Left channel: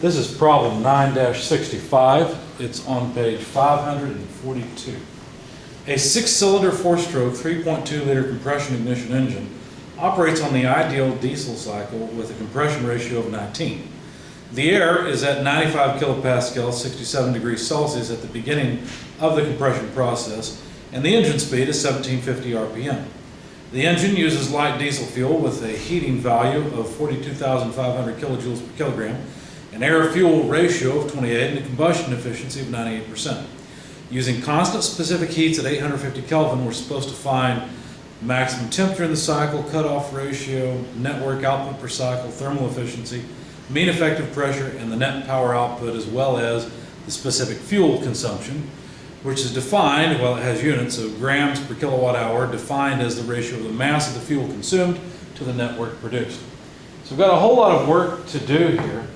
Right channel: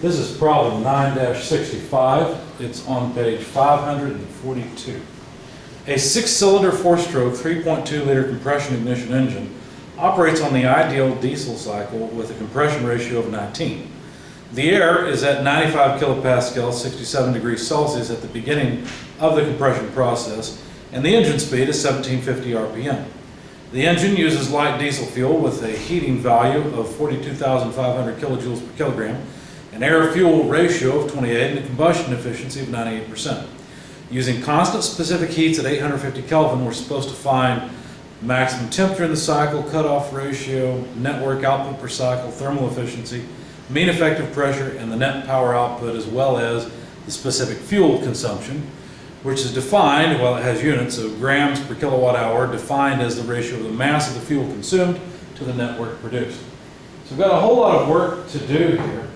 This is problem 9-65. It's on page 542. A 6-cylinder 4-stroke 3.2-liter compression ignition engine operates on the ideal diesel cycle with a compression ratio of 19. The air is at 95 kilopascals, 67 degrees Celsius at the beginning of the compression process, and the engine speed is 1750 RPM. The engine uses light diesel fuel with a heating value of 42,500 kilojoules per kilogram, an air-fuel ratio of 28, and a combustion efficiency of 98%. Using constant specific heats at 850 Kelvin, we're supposed to find maximum temperature in the cycle, cutoff ratio, network output per cycle, thermal efficiency, mean effective pressure, and the net power output, as well as the specific fuel consumption, which is defined, well, it has units, so grams per kilowatt hour, defined as the ratio of the mass of the fuel consumed to the network produced. So we've got a whole lot of work to do here.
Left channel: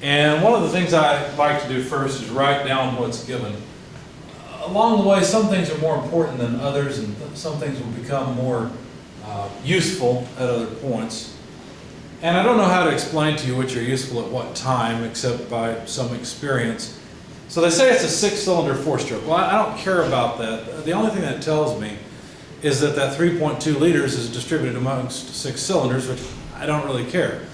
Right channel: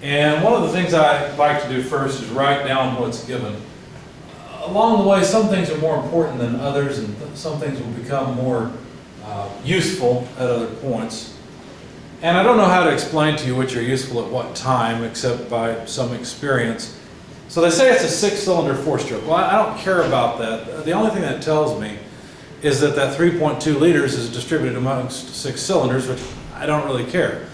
And one of the things I like to do first is write down what's given. Along the way, some things are more important than others, and some things will become more useful at other points. And I don't know how to explain to you which are useful at what time, except by some experience. So they say it's a 6-cylinder 4-stroke. Well, I don't care about that. The only thing that tells me is that 3.2 liters is distributed amongst 6 cylinders, which I don't really care.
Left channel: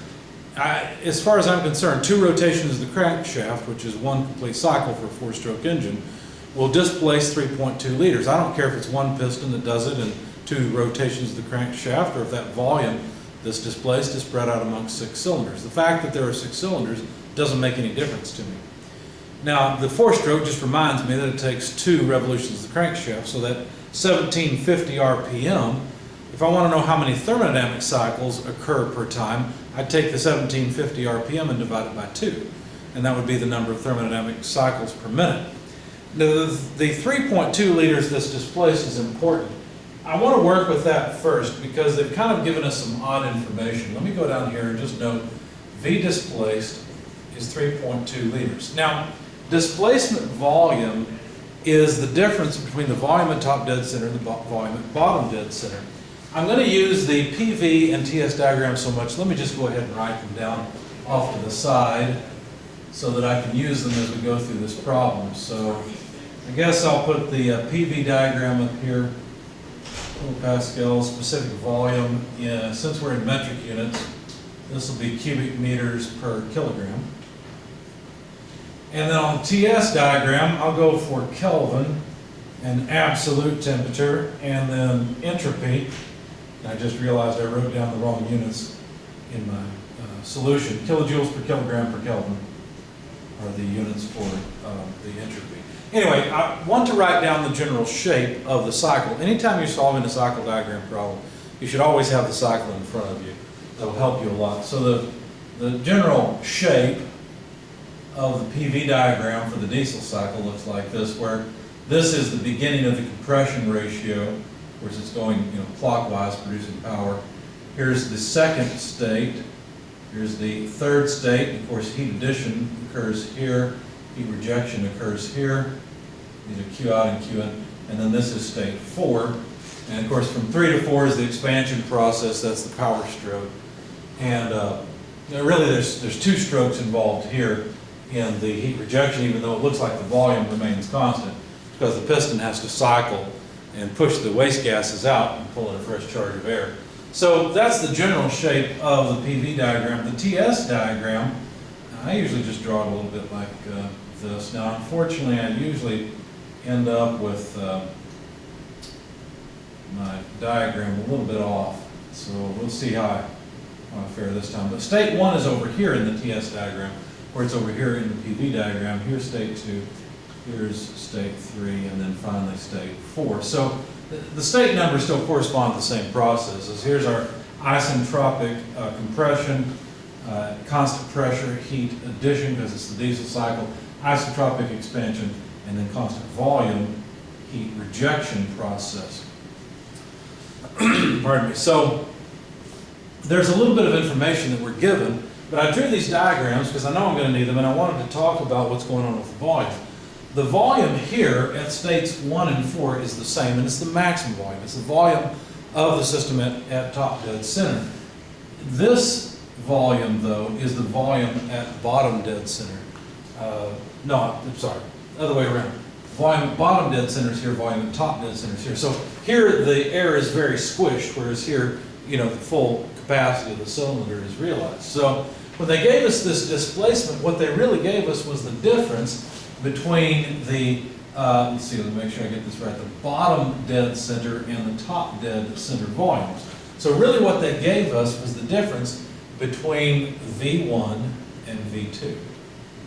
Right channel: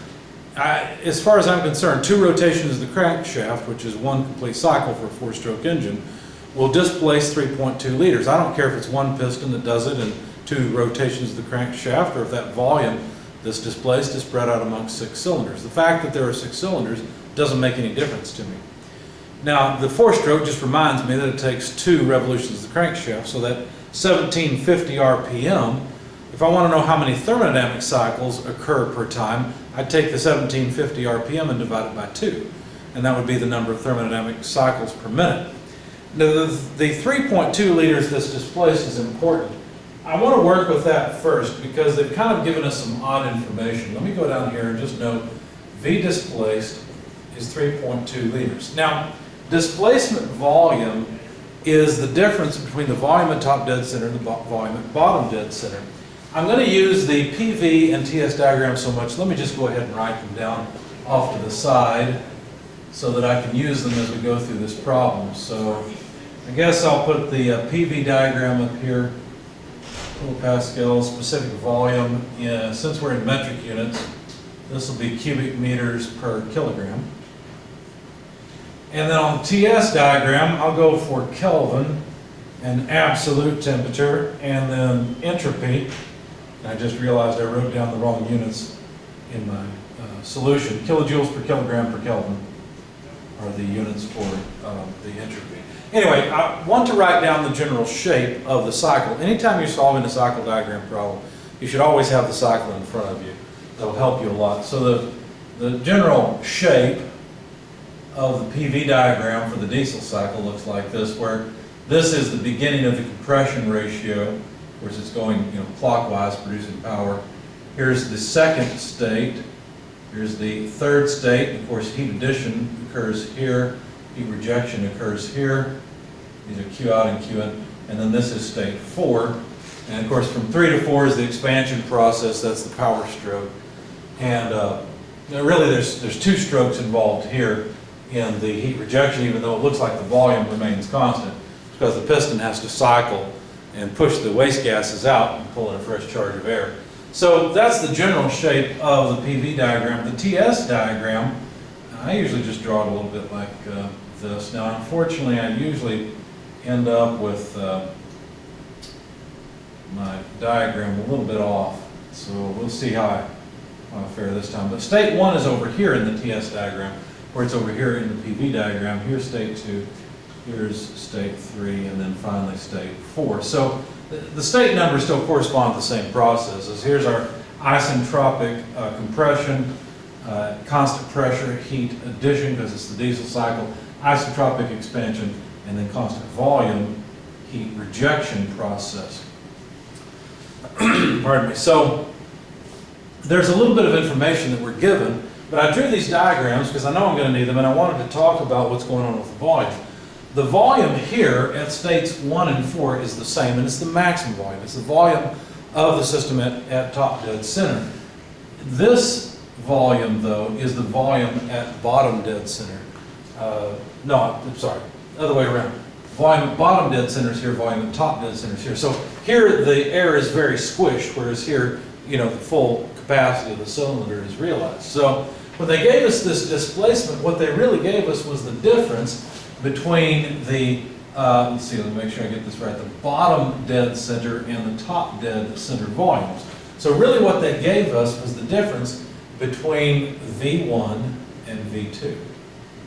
As far as I'm concerned, 2 rotations of the crankshaft, which is 1 complete cycle for a 4-stroke engine, will displace 3.2 liters. I don't care if it's 1 piston that does it and 2 rotations of the crankshaft, or if that volume that's displaced is spread out amongst 6 cylinders. The fact that there are 6 cylinders doesn't make any difference to me. Now, the 4-stroke just reminds me that it takes 2 revolutions of the crankshaft, so that 1750 RPM, if I want to know how many thermodynamic cycles occur per time, I'd take the 1750 RPM and divide it by 2, and that would be the number of thermodynamic cycles per minute. Now, the 3.2 liters that's displaced is important. I want to work with that first because they've kind of given us some odd information. Let me go down here and just note V displaced is 3.2 liters. Now, displacement volume is the difference between the volume at top dead center and the volume at bottom dead center. I'm going to use the PV and TS diagram so much, let me just go ahead and write them down off to the side so that I can use them as we go through this problem. So I guess I'll put the PV diagram up here, kilopascals, specific volume. Since we're in metric units, this will be cubic meters per kilogram. And then on the TS diagram, I'll go for Kelvin and absolute temperature, and then entropy. And I just realized I wrote down the wrong units in my solution. Kilojoules per kilogram per Kelvin are the units for the entropy. Anyway, I want to write down the general shape of the cycle. Anytime you're solving a cycle diagram problem, you should always have the cycle in front of you. That will help you a lot. So the general shape of the PV diagram for the diesel cycle looks like this, where this is the beginning of the compression ratio, which is going clockwise, producing power. Here's the second state. Here's the third state. Of course, heat addition occurs here. Heat rejection occurs here. These are Q out and Q in. And then this is state 4. And of course, from 3 to 4 is the expansion process. That's the power stroke. And really, there's 2 strokes involved here in the heat rejection, even though it looks like the volume remains constant, because the piston has to cycle and push the waste gases out and pull in a fresh charge of air. So that's the general shape of the PV diagram. The TS diagram, I usually just draw it a little bit like this. Now, unfortunately, I usually end up with my diagram a little bit off. So we'll see how I fare this time. But state 1 is over here in the TS diagram, where it's over here in the PV diagram. Here's state 2, here's state 3, and then finally state 4. So the state numbers still correspond to the same processes. Here's our isentropic compression, constant pressure, heat addition, because it's the diesel cycle, isentropic expansion, and then constant volume, heat rejection process. Pardon me. So there's a little bit of information that we're given, but I drew these diagrams because I know I'm going to need them, and I wanted to talk about what's going on with the volume. The volume here at states 1 and 4 is the same, and it's the maximum volume. It's the volume of the system at top dead center. This volume, though, is the volume at bottom dead center. No, I'm sorry, other way around. Volume at bottom dead center is here, volume at top dead center is here. So here the air is very squished, whereas here, you know, the full capacity of the cylinder is realized. So when they gave us this displacement, what they really gave us was the difference between the, let's see, let me make sure I get this right, the bottom dead center and the top dead center volumes. So really what they gave us was the difference between V1 and V2.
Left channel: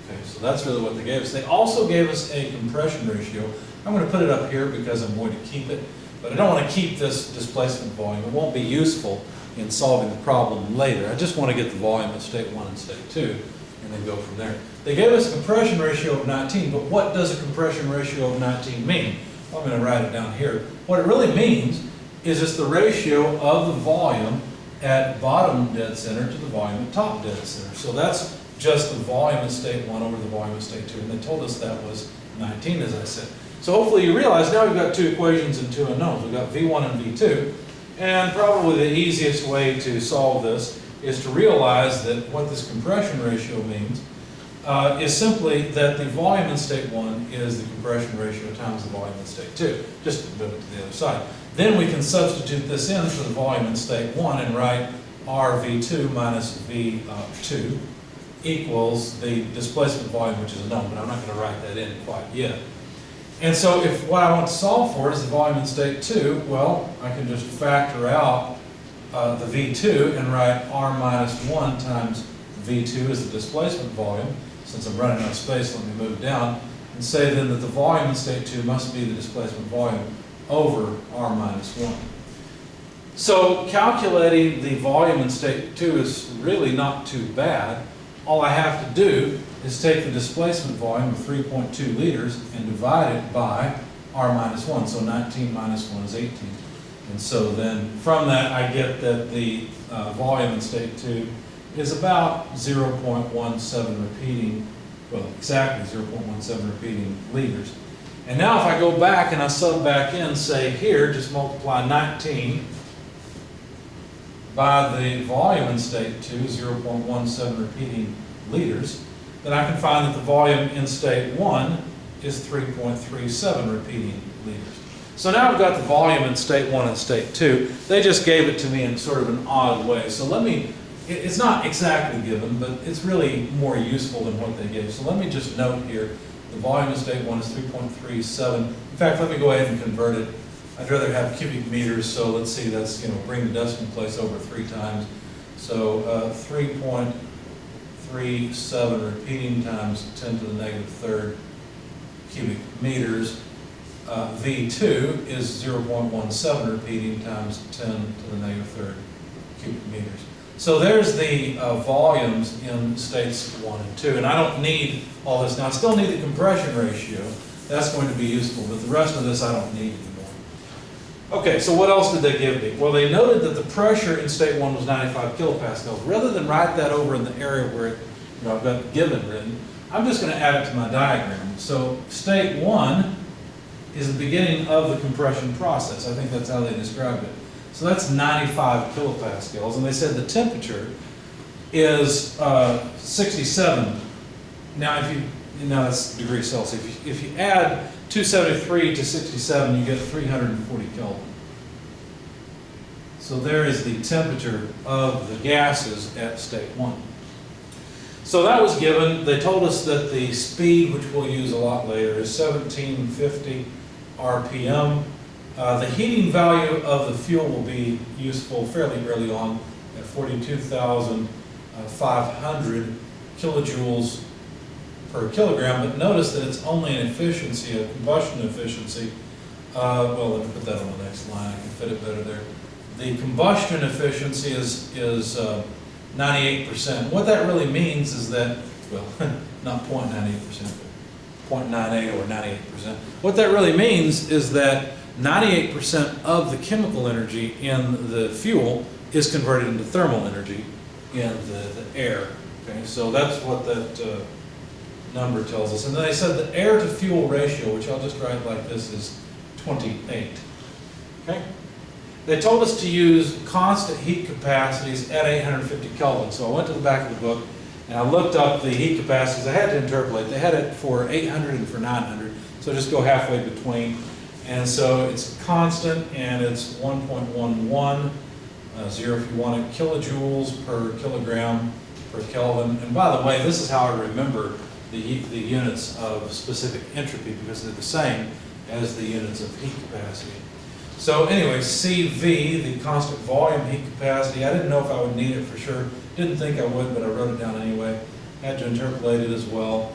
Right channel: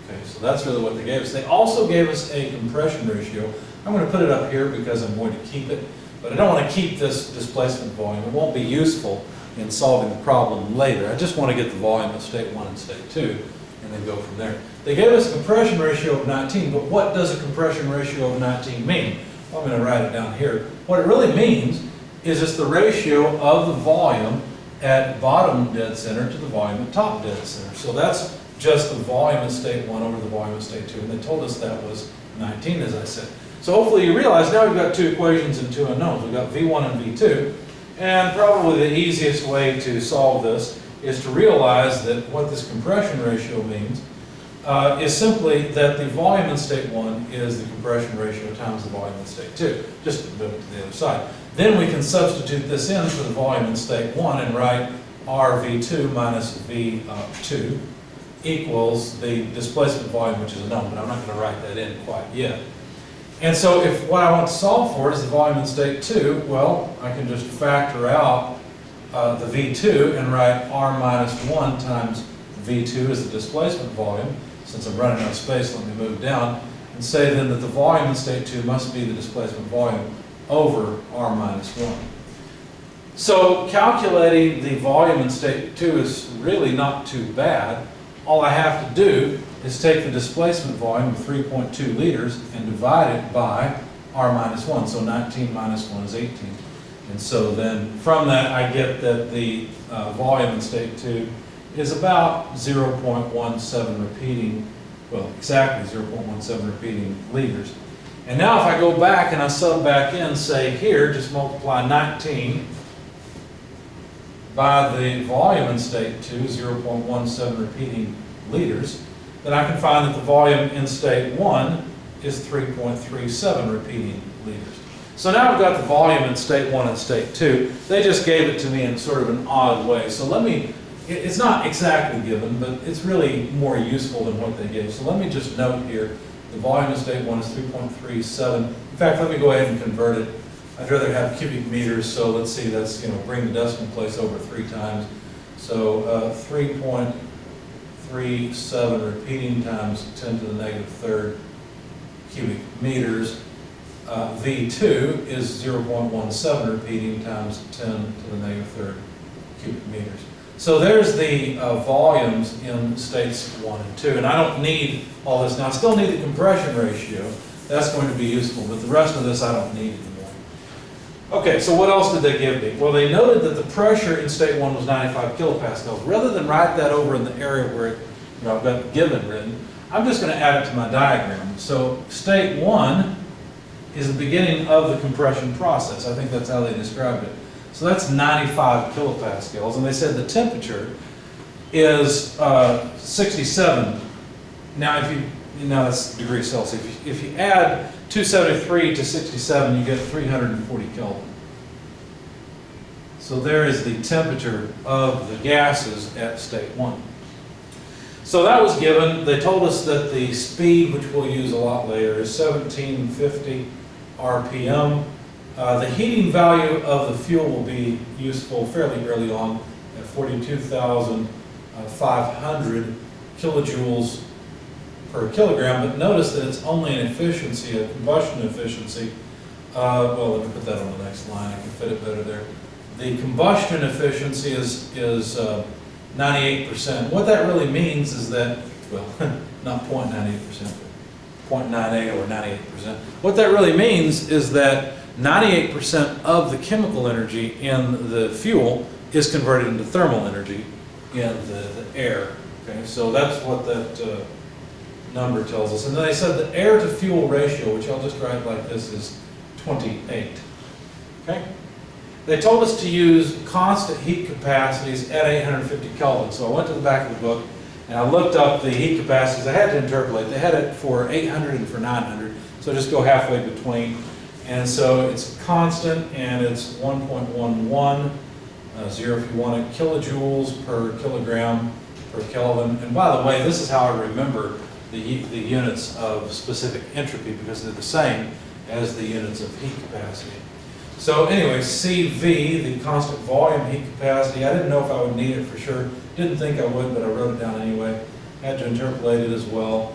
Okay, so that's really what they gave us. They also gave us a compression ratio. I'm going to put it up here because I'm going to keep it, but I don't want to keep this displacement volume. It won't be useful in solving the problem later. I just want to get the volume of state 1 and state 2 and then go from there. They gave us a compression ratio of 19, but what does a compression ratio of 19 mean? Well, I'm going to write it down here. What it really means is it's the ratio of the volume at bottom dead center to the volume at top dead center. So that's just the volume at state 1 over the volume at state 2, and they told us that was 19, as I said. So hopefully you realize now we've got two equations and two unknowns. We've got V1 and V2, and probably the easiest way to solve this is to realize that what this compression ratio means is simply that the volume in state 1 is the compression ratio times the volume in state 2. Just move it to the other side. Then we can substitute this in for the volume in state 1 and write RV2 minus V2 equals the displacement volume, which is a known, but I'm not going to write that in quite yet. And so if what I want to solve for is the volume in state 2, well, I can just factor out the V2 and write R minus 1 times V2 is the displacement volume. Since I'm running out of space, let me move down and say then that the volume in state 2 must be the displacement volume over R minus 1. So calculating the volume in state 2 is really not too bad. All I have to do is take the displacement volume of 3.2 liters and divide it by R minus 1. So 19 minus 1 is 18. And so then from that I get that the volume in state 2 is about 0.17 repeating, well, exactly 0.17 repeating liters. And now if I go back and I sub back in, say here, just multiply 19 by the volume in state 2, 0.17 repeating liters, then I can find that the volume in state 1 is 3.37 repeating liters. So now I've got the volume in state 1 and state 2. They just gave it to me in sort of an odd way. So let me, it's not exactly given, but it's really more useful than what they gave. So let me just note here, the volume in state 1 is 3.37. In fact, let me go ahead and convert it. I'd rather have cubic meters, so let's see, that's, you know, bring the decimal place over 3 times. So 3.37 repeating times 10 to the negative third cubic meters. V2 is 0.17 repeating times 10 to the negative third cubic meters. So there's the volumes in states 1 and 2, and I don't need all this. Now I still need the compression ratio. That's going to be useful, but the rest of this I don't need anymore. Okay, so what else did they give me? Well, they noted that the pressure in state 1 was 95 kilopascals. Rather than write that over in the area where it, you know, I've got given written, I'm just going to add it to my diagram. So state 1 is the beginning of the compression process. I think that's how they described it. So that's 95 kilopascals, and they said the temperature is 67. Now, that's degrees Celsius. If you add 273 to 67, you get 340 Kelvin. So there is the temperature of the gases at state 1. So that was given. They told us that the speed, which we'll use a lot later, is 1750 RPM. The heating value of the fuel will be useful fairly early on at 42,500 kilojoules per kilogram, but notice that it's only an efficiency, a combustion efficiency. Well, let me put that on the next line. I can fit it better there. The combustion efficiency is 98%. What that really means is that, well, not 0.98%, but 0.98 or 98%. What that really means is that 98% of the chemical energy in the fuel is converted into thermal energy in the air. Okay, so that's what that number tells us. And then they said the air to fuel ratio, which I'll just write like this, is 28. Okay? they told us to use constant heat capacities at 850 Kelvin. So I went to the back of the book and I looked up the heat capacities. I had to interpolate. They had it for 800 and for 900. So just go halfway between. And so it's constant, and it's 1.11, 0 if you want it, kilojoules per kilogram per Kelvin. And by the way, this is how I remember the units of specific entropy, because they're the same as the units of heat capacity. So anyway, CV, the constant volume heat capacity, I didn't know if I would need it for sure. Didn't think I would, but I wrote it down anyway. Had to interpolate it as well.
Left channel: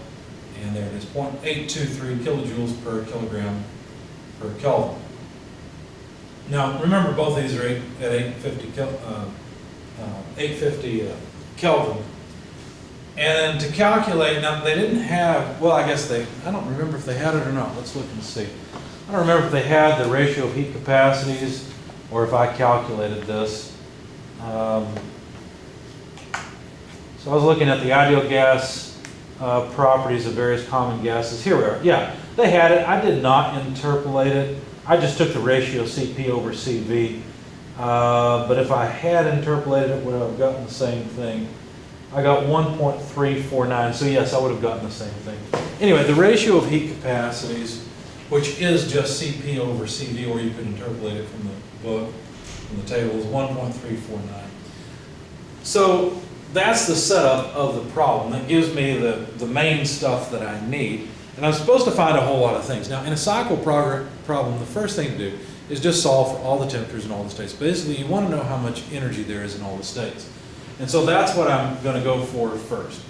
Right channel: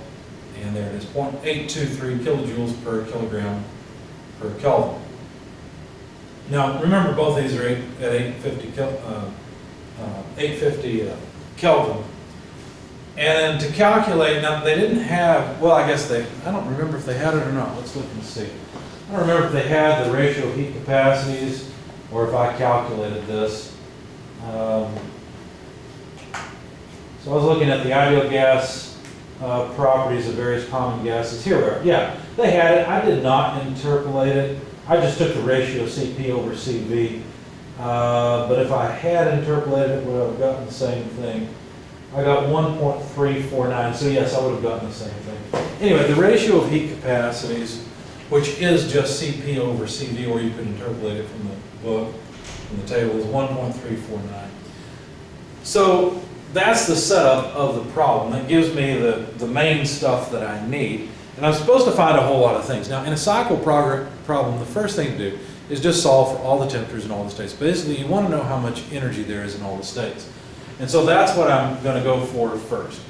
And there it is, 0.823 kilojoules per kilogram per Kelvin. Now remember, both these are at 850 Kelvin. And then to calculate, now they didn't have, well, I don't remember if they had it or not. Let's look and see. I don't remember if they had the ratio of heat capacities or if I calculated this. So I was looking at the ideal gas properties of various common gases. Here we are. Yeah, they had it. I did not interpolate it. I just took the ratio CP over CV. But if I had interpolated it, would I have gotten the same thing? I got 1.349, so yes, I would have gotten the same thing. Anyway, the ratio of heat capacities, which is just CP over CV, or you could interpolate it from the book, from the table, is 1.349. So that's the setup of the problem. That gives me the main stuff that I need. And I'm supposed to find a whole lot of things. Now, in a cycle problem, the first thing to do is just solve for all the temperatures in all the states. Basically, you want to know how much energy there is in all the states. And so that's what I'm going to go for first.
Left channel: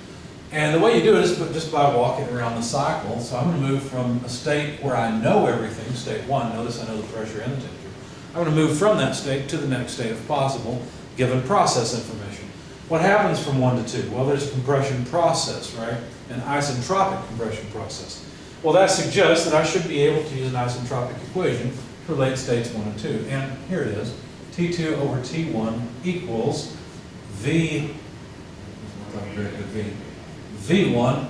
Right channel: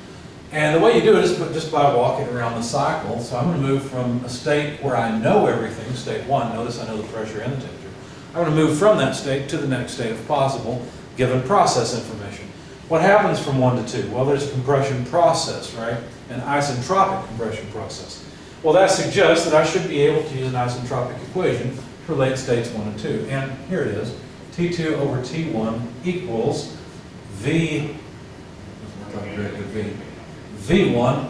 And the way you do it is just by walking around the cycle. So I'm going to move from a state where I know everything, state 1, notice I know the pressure and the temperature. I'm going to move from that state to the next state if possible, given process information. What happens from 1 to 2? Well, there's a compression process, right? An isentropic compression process. Well, that suggests that I should be able to use an isentropic equation to relate states 1 and 2. And here it is. T2 over T1 equals V1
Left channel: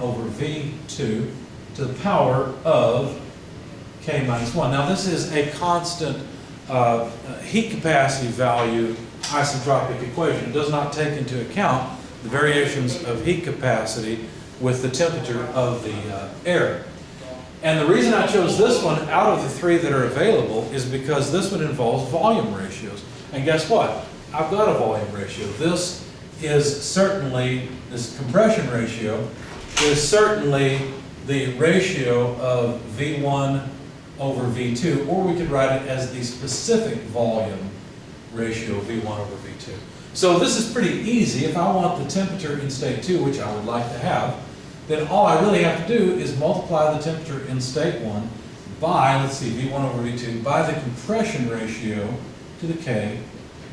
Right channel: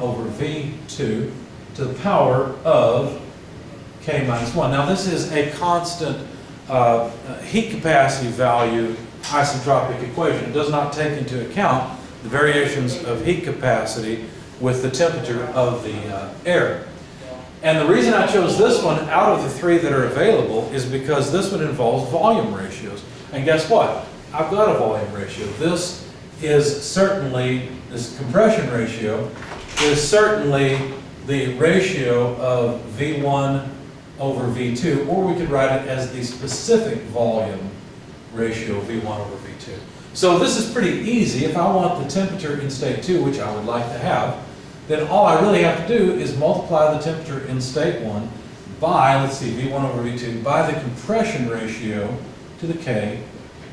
over V2 to the power of K minus 1. Now this is a constant heat capacity value isentropic equation. It does not take into account the variations of heat capacity with the temperature of the air. And the reason I chose this one out of the 3 that are available is because this one involves volume ratios. And guess what? I've got a volume ratio. This compression ratio is certainly the ratio of V1 over V2, or we could write it as the specific volume ratio V1 over V2. So this is pretty easy. If I want the temperature in state 2, which I would like to have, then all I really have to do is multiply the temperature in state 1 by, let's see, V1 over V2, by the compression ratio to the K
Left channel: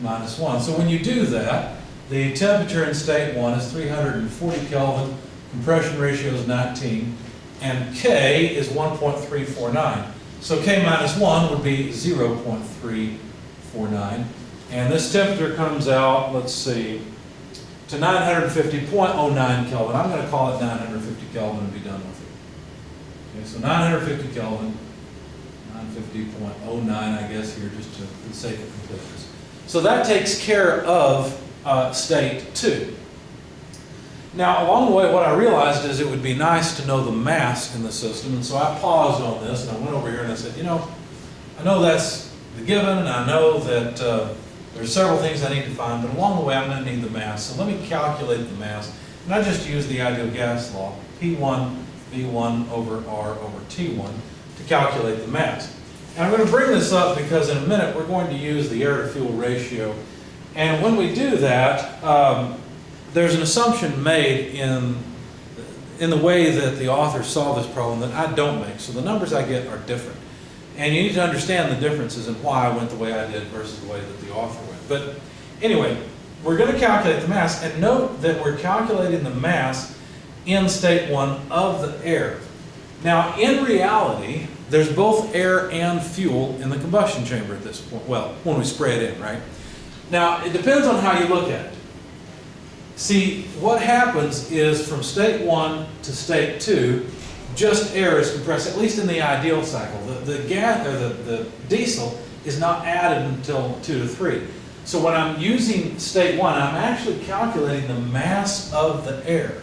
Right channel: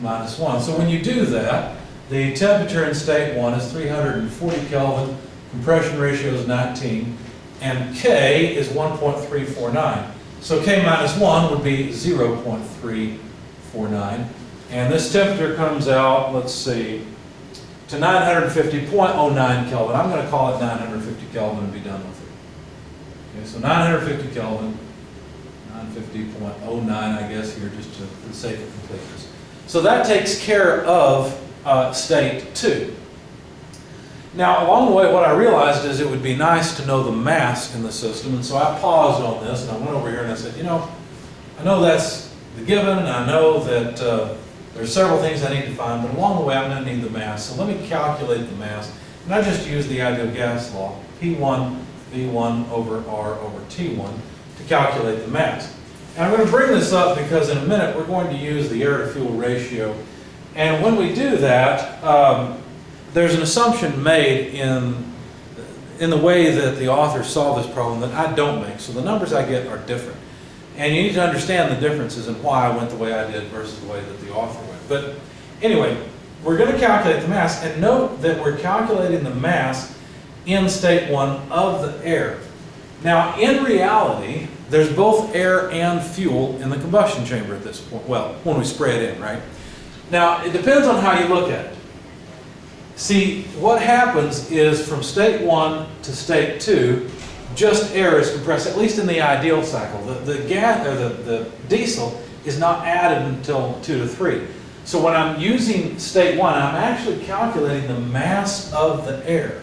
minus 1. So when you do that, the temperature in state 1 is 340 Kelvin, compression ratio is 19, and K is 1.349. So K minus 1 would be 0.349. And this temperature comes out, let's see, to 950.09 Kelvin. I'm going to call it 950 Kelvin and be done with it. Okay, so 950 Kelvin, 950.09 I guess here, just for the sake of completeness. So that takes care of state 2. Now, along the way, what I realized is it would be nice to know the mass in the system, and so I paused on this, and I went over here and I said, you know, I know that's the given, and I know that there's several things I need to find, but along the way, I'm going to need the mass. So let me calculate the mass, and I just use the ideal gas law, P1 V1 over R over T1, to calculate the mass. And I'm going to bring this up because in a minute, we're going to use the air-to-fuel ratio. And when we do that, there's an assumption made in the way that the author solved this problem that I don't make. So the numbers I get are different. And you need to understand the differences and why I went the way I did versus the way that the author went. But anyway, we're going to calculate the mass. And note that we're calculating the mass in state 1 of the air. Now, in reality, there's both air and fuel in the combustion chamber at this point. Well, when we spray it in, right? Now, it depends on how you look at it. See, what happens is from state 1 to state 2, just air is compressed, at least in the ideal cycle. The gas, or the diesel is not added until 2 to 3. So when I'm using state 1, I'm actually calculating the mass of the air.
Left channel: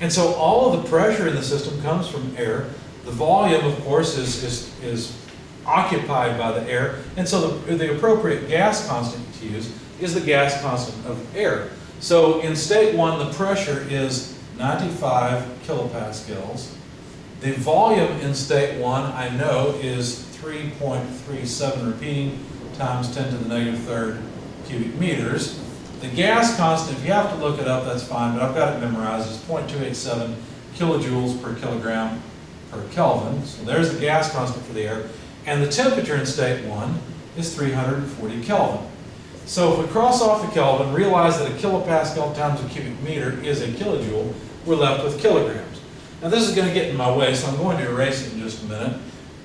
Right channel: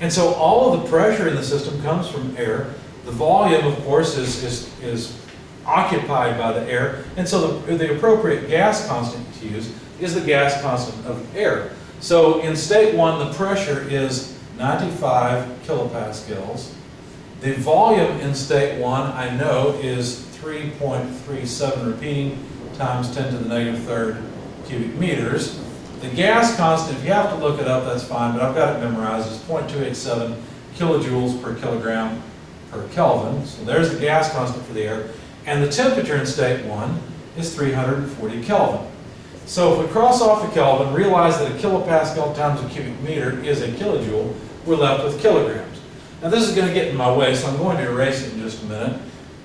And so all of the pressure in the system comes from air. The volume, of course, is occupied by the air. And so the appropriate gas constant to use is the gas constant of air. So in state 1, the pressure is 95 kilopascals. The volume in state 1, I know, is 3.37 repeating times 10 to the negative third cubic meters. The gas constant, if you have to look it up, that's fine, but I've got it memorized. It's 0.287 kilojoules per kilogram per Kelvin. So there's the gas constant for the air. And the temperature in state 1 is 340 Kelvin. So if we cross off the Kelvin, realize that a kilopascal times a cubic meter is a kilojoule, we're left with kilograms. Now this is going to get in my way, so I'm going to erase it in just a minute.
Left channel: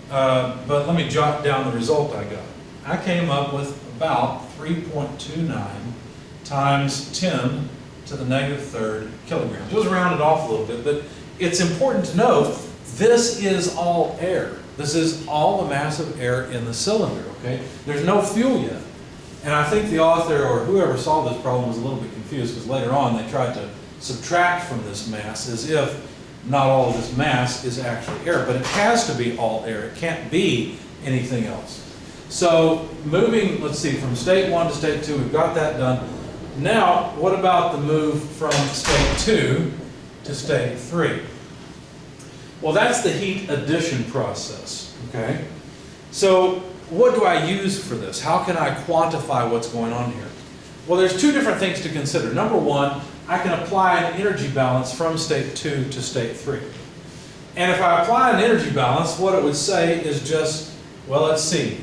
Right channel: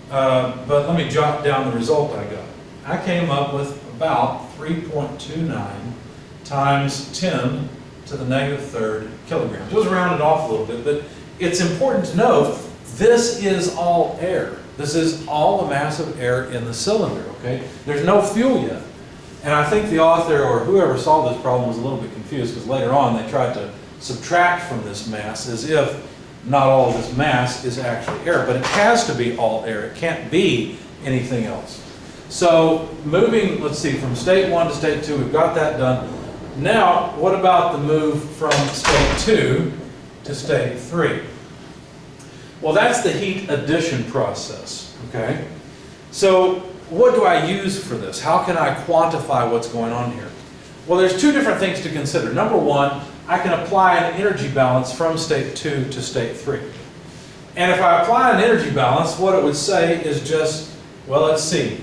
But let me jot down the result I got. I came up with about 3.29 times 10 to the negative third kilograms. It was rounded off a little bit, but it's important to note this is all air. This is all the mass of air in the cylinder, okay? There's no fuel yet. And I think the author or whoever solved this problem was a little bit confused because later on they tried to subtract from this mass as if not all of this mass is actually air, but it has to be all air. It can't be anything else. So moving, let's see, from state 1 to state 2, we've got that done. Now, what about the move from state 2 to state 3? Well, that's the heat addition process, okay? So what do I use for this? How can I quantify what's going on here? Well, there's two different things to consider. Number one, I can apply an energy balance from state 2 to state 3. And if I apply an energy balance, what it would say is just, well, let's see,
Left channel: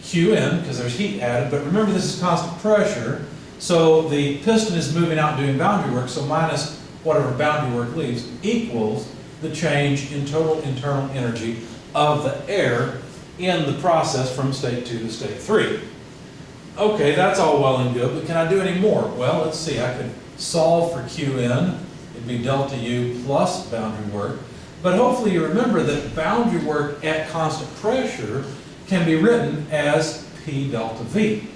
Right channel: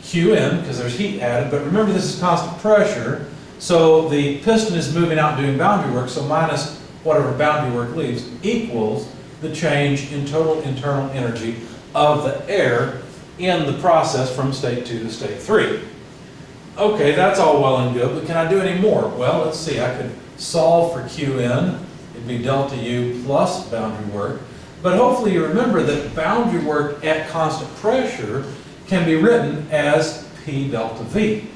Qn, because there's heat added, but remember this is constant pressure, so the piston is moving out doing boundary work, so minus whatever boundary work leaves equals the change in total internal energy of the air in the process from state 2 to state 3. Okay, that's all well and good, but can I do any more? Well, let's see, I could solve for Qn. It'd be delta U plus boundary work. But hopefully you remember that boundary work at constant pressure can be written as P delta V.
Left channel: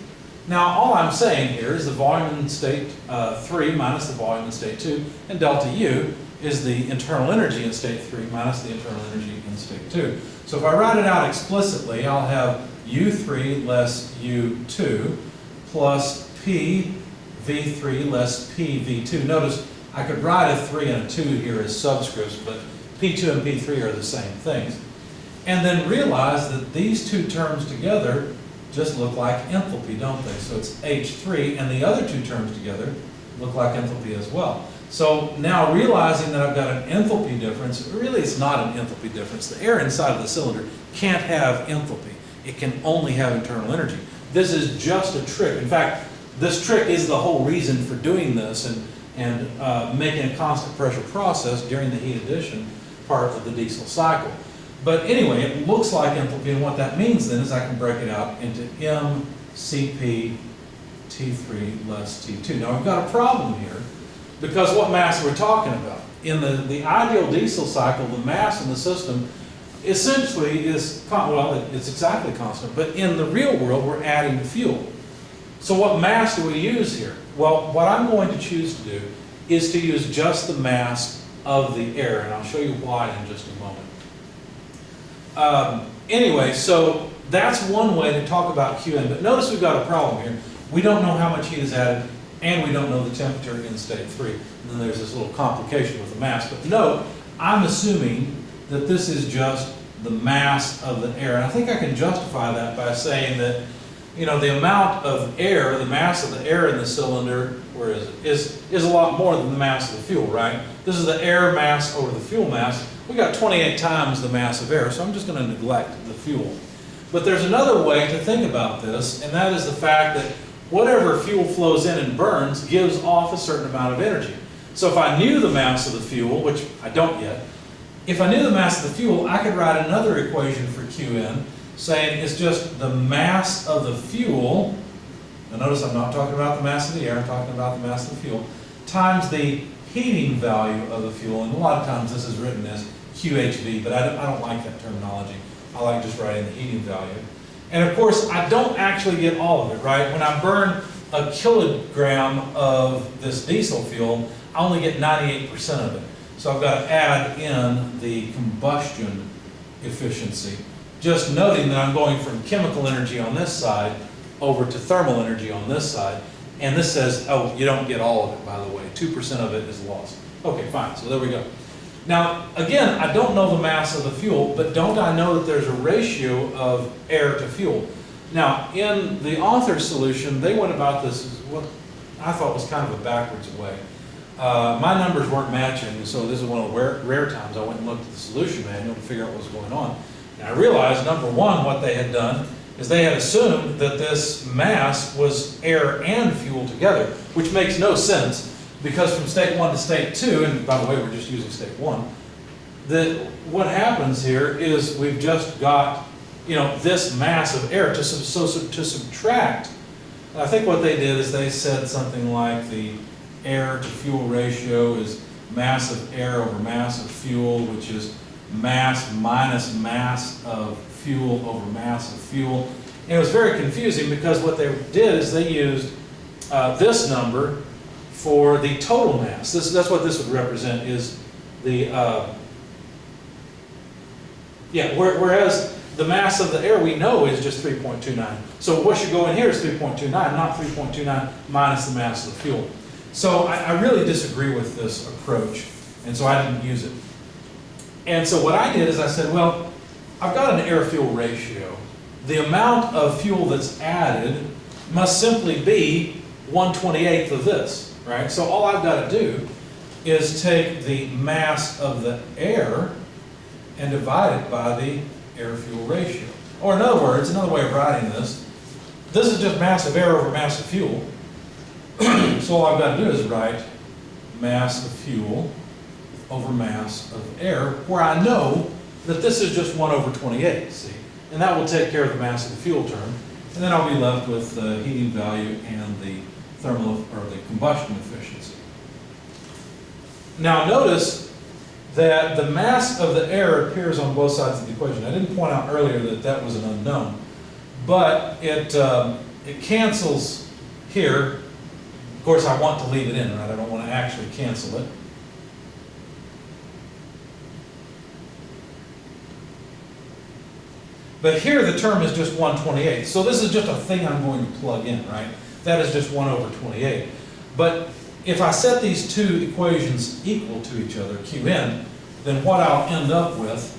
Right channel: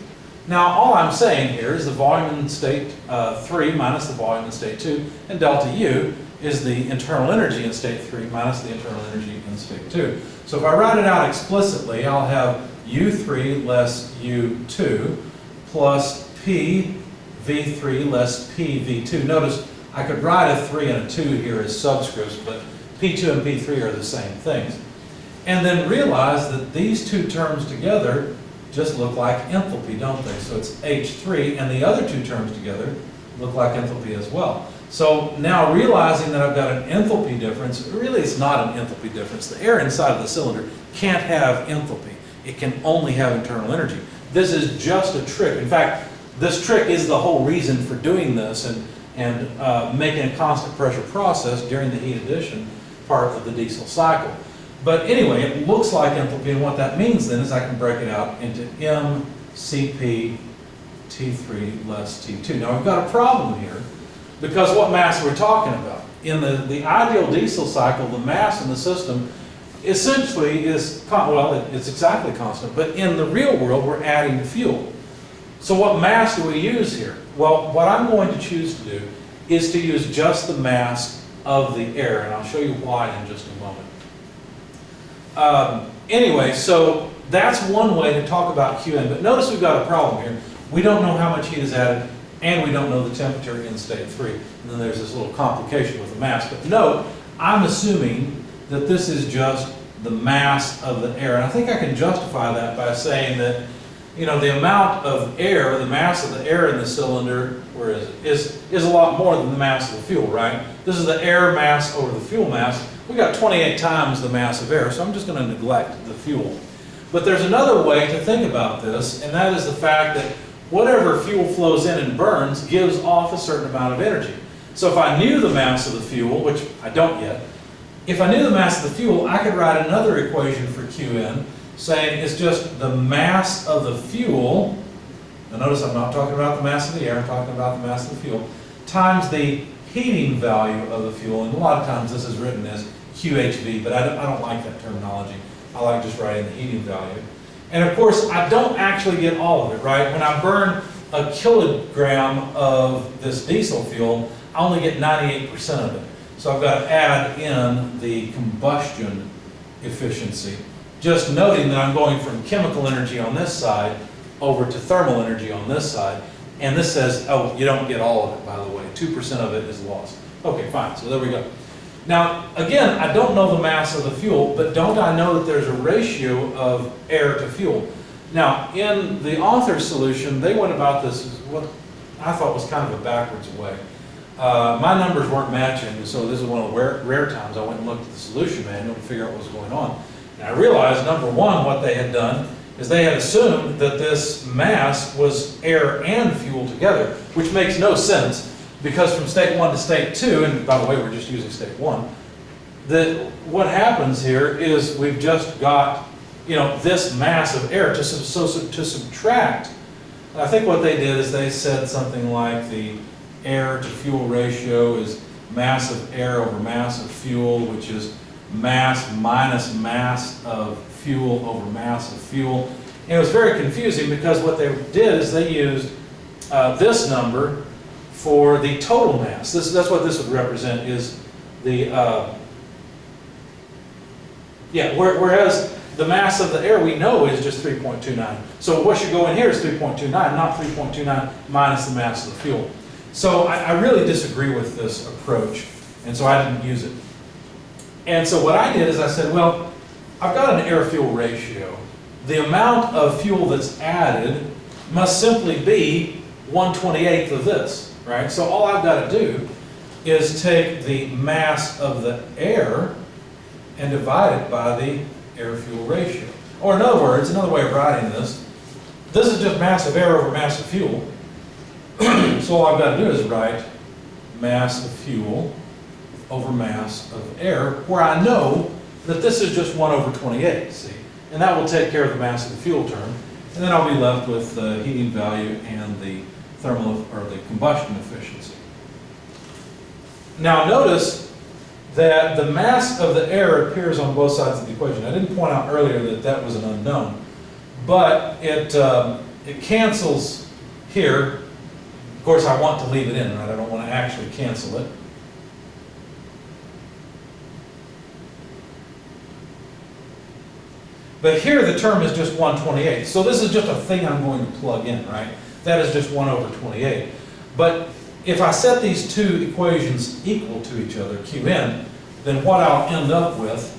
Now, all I'm saying here is the volume in state 3 minus the volume in state 2, and delta U is the internal energy in state 3 minus the internal energy in state 2. So if I write it out explicitly, I'll have U3 less U2 plus P V3 less PV2. Notice I could write a 3 and a 2 here as subscripts, but P2 and P3 are the same things. And then realize that these two terms together just look like enthalpy, don't they? So it's H3, and the other two terms together look like enthalpy as well. So now realizing that I've got an enthalpy difference, really it's not an enthalpy difference. The air inside of the cylinder can't have enthalpy. It can only have internal energy. This is just a trick. In fact, this trick is the whole reason for doing this and making a constant pressure process during the heat addition part of the diesel cycle. But anyway, it looks like enthalpy, and what that means then is I can break it out into mCp T3 less T2. Now we've got a problem here because what mass are we talking about? In the ideal diesel cycle, the mass in the system essentially is, well, it's exactly constant, but in the real world we're adding fuel. So what mass do we use here? Well, what I'm going to choose to do is to use just the mass of the air, and I'll show you why in just a moment. Anyway, so that's one way to talk about Qn, but notice we've got a problem here. We don't know how much heat is added, and we don't know the temperature in state 3. And then there's this little complication with the mass. But note, I'm assuming that this is just the mass of the air. And I think I can justify that by saying that, you know, the amount of air, the mass of the air in the cylinder, where is it, is a lot more than the mass of the fuel, right? This is the air mass over the fuel mass. We got 28 times the mass of air, so I'm just going to neglect the fuel. But there's another way to think about this, and that is the fact that whatever fuel flows in and burns gives off a certain amount of energy. So if I knew the mass of the fuel, which I don't yet, if I knew the mass of the fuel, I could write another equation for Qn saying it's just the mass of the fuel, now notice I'm not talking about the mass of the air, I'm talking about the mass of the fuel, times the heating value of the fuel, and a lot of times this is written as QHV, but I don't like that terminology. I like just writing the heating value. And of course, I don't actually get all of it, right? When I burn a kilogram of this diesel fuel, I only get 98% of it. So I've got to add in the combustion efficiency. Just noting that I'm going from chemical energy on this side over to thermal energy on this side. And this says, oh, you don't get all of it, by the way. 2% of it is lost. Okay, fine, so there we go. Now, again, I don't know the mass of the fuel, but don't I know that there's a ratio of air to fuel? Now, in the author's solution, they went about this what I thought was kind of a backwards way. My numbers weren't matching, so this is one of the rare times I went and looked at the solution manual to figure out what was going on. And I realized, number one, what they had done is they had assumed that this mass was air and fuel together, which makes no sense. Because from state 1 to state 2, and by the way, we're just using state 1, what happens here is we've just got, this mass of air to subtract. I think what they did is they said something like the air to fuel ratio is mass of air over mass of fuel, which is mass minus mass of fuel over mass of fuel. And it was very confusing because what they did is they used this number for the total mass. That's what this would represent, is the, whereas the mass of the air we know is just 3.29. So what should go in here is 3.29, not 3.29 minus the mass of the fuel. So I really disagree with this approach, and so I didn't use it. And so what I did is I said, well, I've got an air-fuel ratio. The amount of fuel that's added must simply be 1/28 of this. Right? So all I've got to do is take the mass of the air and divide it by the air-fuel ratio. Or in other words, another way of writing this is just mass of air over mass of fuel. So all I've got to do is write mass of fuel over mass of air, where I know that this is just 1/28, see? And that will take care of the mass of the fuel term. And then I'll be left with the heating value and the thermal or the combustion efficiency. Now notice that the mass of the air appears on both sides of the equation. I didn't point out earlier that that was an unknown, but it cancels here. Of course, I want to leave it in, right? I don't want to actually cancel it. But here the term is just 1/28. So this is just a thing I'm going to plug in, right? That is just 1/28. But if I set these two equations equal to each other, Qn, then what I'll end up with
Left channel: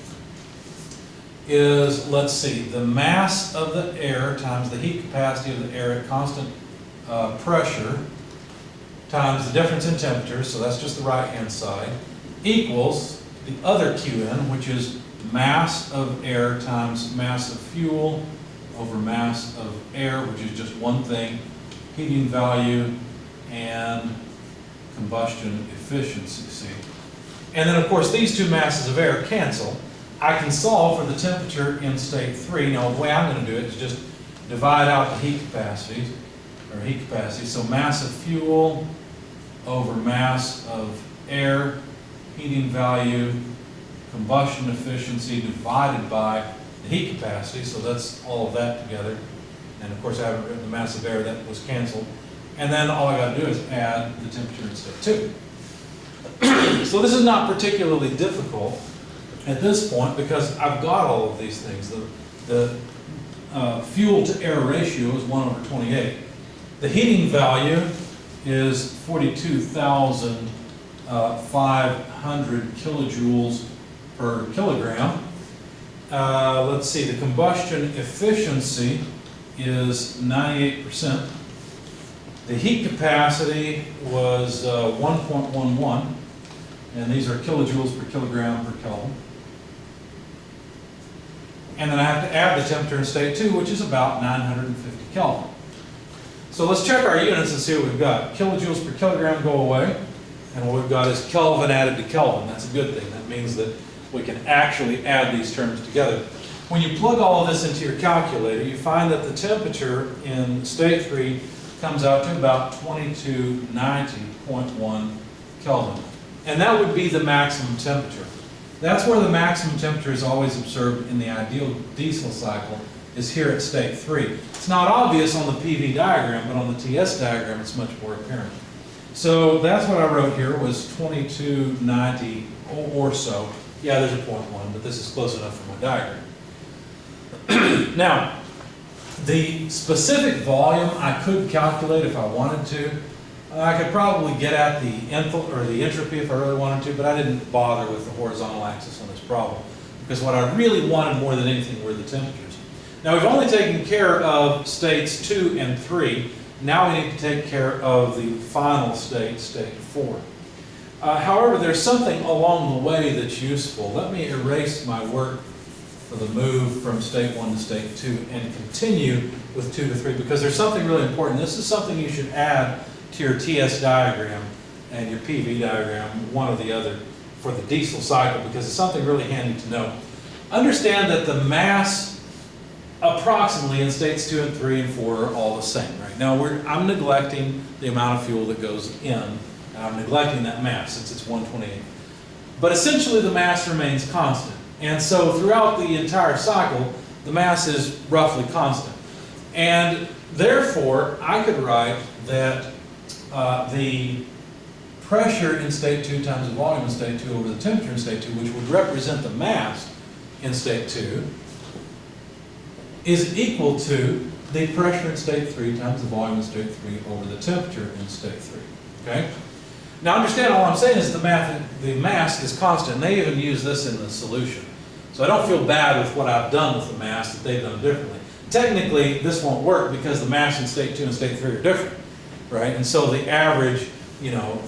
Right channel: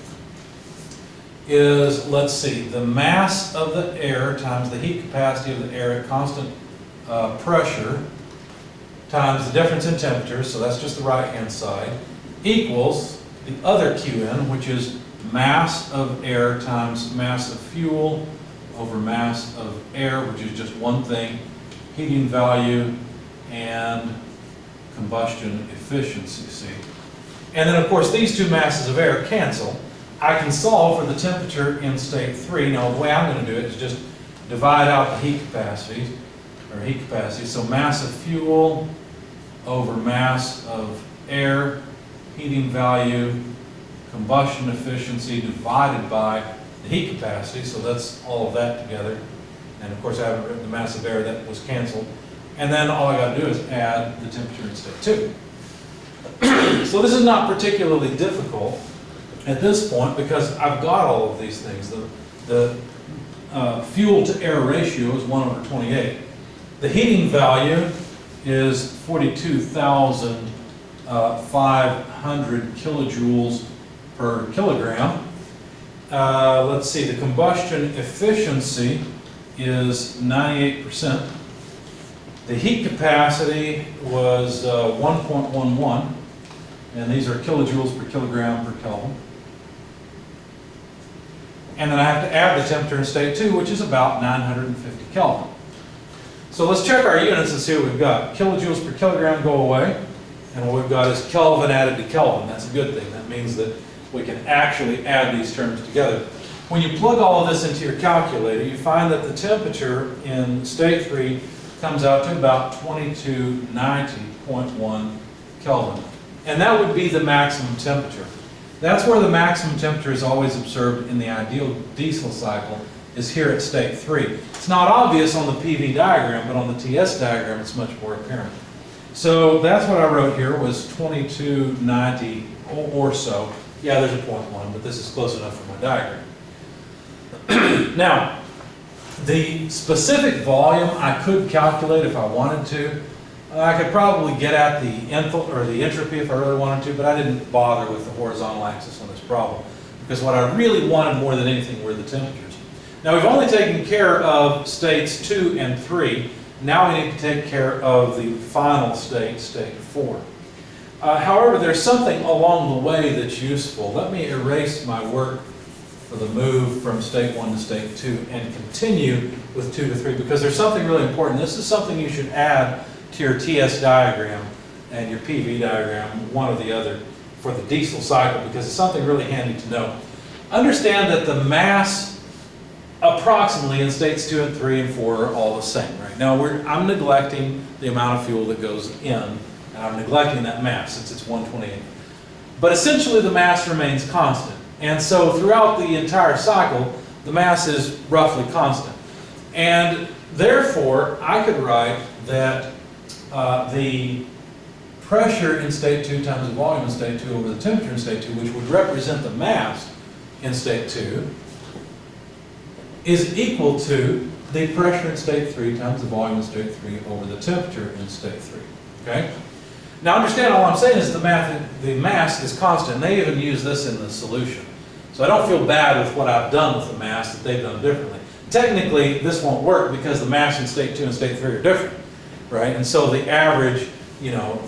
is, let's see, the mass of the air times the heat capacity of the air at constant pressure times the difference in temperature, so that's just the right-hand side, equals the other Qn, which is mass of air times mass of fuel over mass of air, which is just one thing, heating value and combustion efficiency, see? And then of course these two masses of air cancel. I can solve for the temperature in state 3. Now the way I'm going to do it is just divide out the heat capacity, so mass of fuel over mass of air, heating value, combustion efficiency divided by the heat capacity, so that's all of that together. And of course I haven't written the mass of air, that was canceled. And then all I got to do is add the temperature in state 2. So this is not particularly difficult at this point because I've got all of these things. The fuel to air ratio is 1/28. The heating value is 42,500 kilojoules per kilogram. Let's see, the combustion efficiency is 98%. The heat capacity was 1.11, and these are kilojoules per kilogram per Kelvin. And then I have to add the temperature in state 2, which is about 950 Kelvin. So let's check our units and see what we've got. Kilojoules per kilogram go away, and what we've got is Kelvin added to Kelvin. That's a good thing. That means that we can actually add these terms together. When you plug all of this into your calculator, you find that the temperature in state 3 comes out to about 2290.1 Kelvin. And that would be the maximum temperature. That's where the maximum temperature is always observed in the ideal diesel cycle is here at state 3. It's not obvious on the PV diagram, but on the TS diagram it's much more apparent. So that's what I wrote here, was 2290 or so. Yeah, there's a 0.1, but this is close enough for my diagram. Now, the specific volume I could calculate if I wanted to. I could probably get at the entropy if I really wanted to, but I didn't bother with the horizontal axis on this problem, because what I really wanted more than anything were the temperatures. Now, we've only taken care of states 2 and 3. Now we need to take care of the final state, state 4. However, there's something along the way that's useful. Let me erase my work for the move from state 1 to state 2 and continue with 2 to 3, because there's something really important. This is something you should add to your TS diagram and your PV diagram, one or the other, for the diesel cycle, because it's something really handy to know. Understand that the mass approximately in states 2 and 3 and 4 are all the same. Right now I'm neglecting the amount of fuel that goes in, and I'm neglecting that mass since it's 1/28. But essentially the mass remains constant. And so throughout the entire cycle, the mass is roughly constant. And therefore, I could write that the pressure in state 2 times the volume in state 2 over the temperature in state 2, which would represent the mass in state 2, is equal to the pressure in state 3 times the volume in state 3 over the temperature in state 3. Okay? Now understand, all I'm saying is the mass is constant. And they even use this in the solution. So I don't feel bad with what I've done with the mass that they've done differently. Technically, this won't work because the mass in state 2 and state 3 are different. Right? And so the average,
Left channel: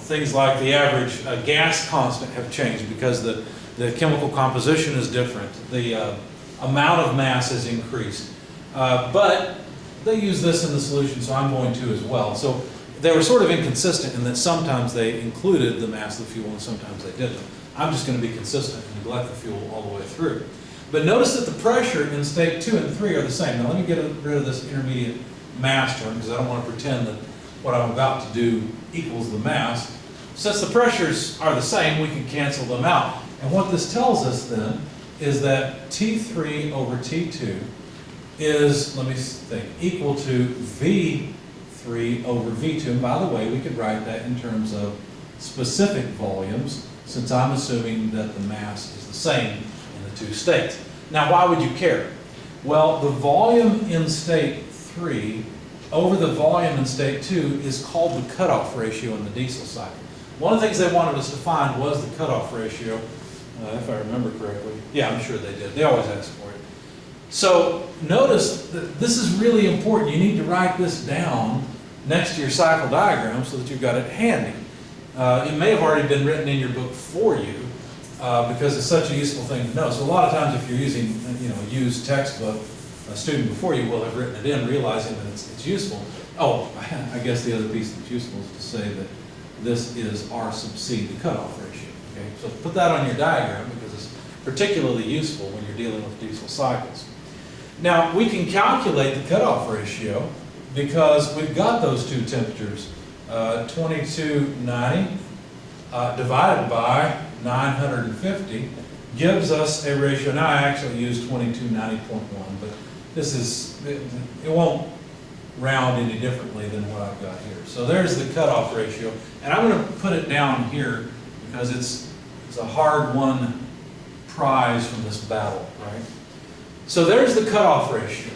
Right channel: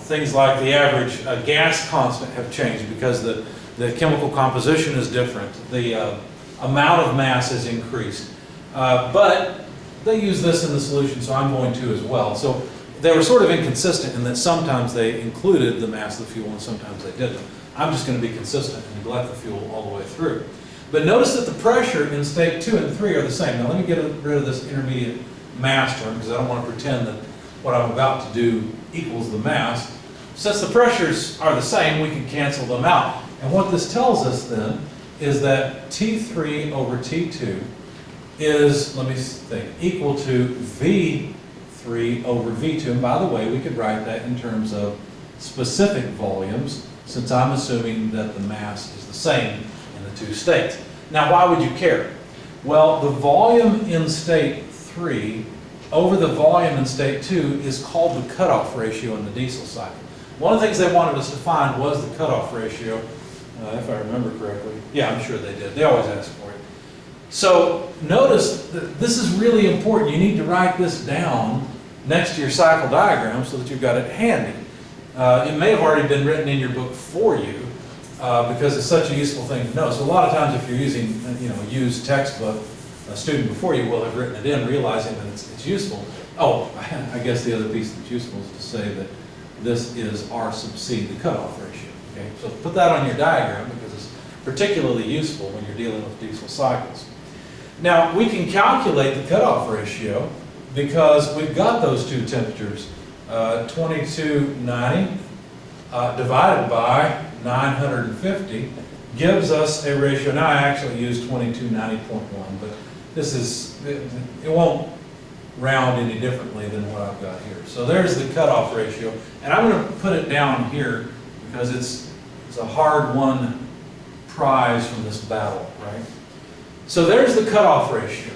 things like the average gas constant have changed because the chemical composition is different. The amount of mass has increased. But they use this in the solution, so I'm going to as well. So they were sort of inconsistent in that sometimes they included the mass of the fuel and sometimes they didn't. I'm just going to be consistent and neglect the fuel all the way through. But notice that the pressure in state 2 and 3 are the same. Now let me get rid of this intermediate mass term because I don't want to pretend that what I'm about to do equals the mass. Since the pressures are the same, we can cancel them out. And what this tells us then is that T3 over T2 is, let me think, equal to V3 over V2. And by the way, we could write that in terms of specific volumes, since I'm assuming that the mass is the same in the two states. Now, why would you care? Well, the volume in state 3 over the volume in state 2 is called the cutoff ratio in the diesel cycle. One of the things they wanted us to find was the cutoff ratio, if I remember correctly. Yeah, I'm sure they did. They always ask for it. So notice that this is really important. You need to write this down next to your cycle diagram so that you've got it handy. It may have already been written in your book for you because it's such a useful thing to know. So a lot of times if you're using a used textbook, a student before you will have written it in, realizing that it's useful. Oh, I guess the other piece that's useful is to say that this is R sub C, the cutoff ratio. Okay, so put that on your diagram because it's particularly useful when you're dealing with diesel cycles. Now, we can calculate the cutoff ratio because we've got those two temperatures. 2290 divided by 950 gives us a ratio. Now, I actually used 2290.1, but this is, it won't round any differently than what I've got here. So there's the cutoff ratio. And I'm going to put it down here because it's a hard-won prize from this battle, right? So there's the cutoff ratio.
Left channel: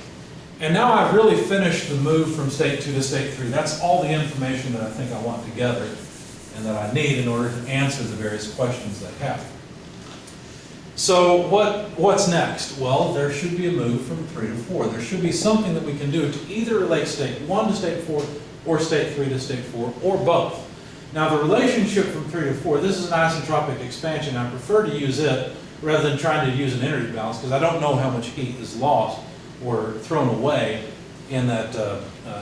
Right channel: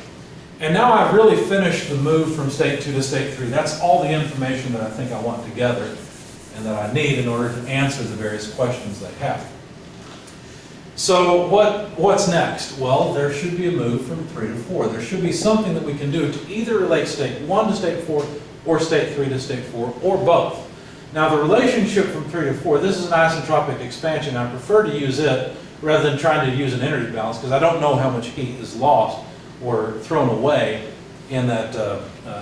And now I've really finished the move from state 2 to state 3. That's all the information that I think I want to gather and that I need in order to answer the various questions they have. So what's next? Well, there should be a move from 3 to 4. There should be something that we can do to either relate state 1 to state 4 or state 3 to state 4 or both. Now the relationship from 3 to 4, this is an isentropic expansion. I prefer to use it rather than trying to use an energy balance because I don't know how much heat is lost or thrown away in that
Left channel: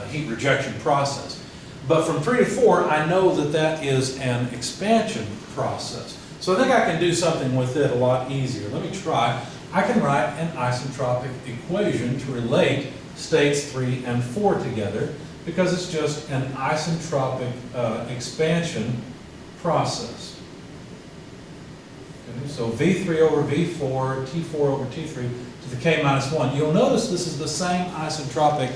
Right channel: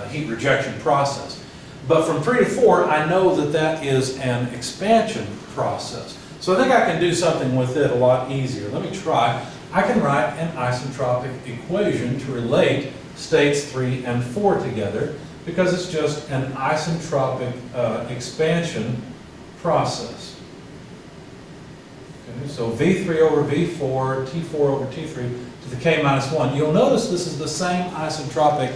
heat rejection process. But from 3 to 4, I know that that is an expansion process. So I think I can do something with it a lot easier. Let me try. I can write an isentropic equation to relate states 3 and 4 together because it's just an isentropic expansion process. Okay, so V3 over V4, T4 over T3 to the K minus 1. You'll notice this is the same isentropic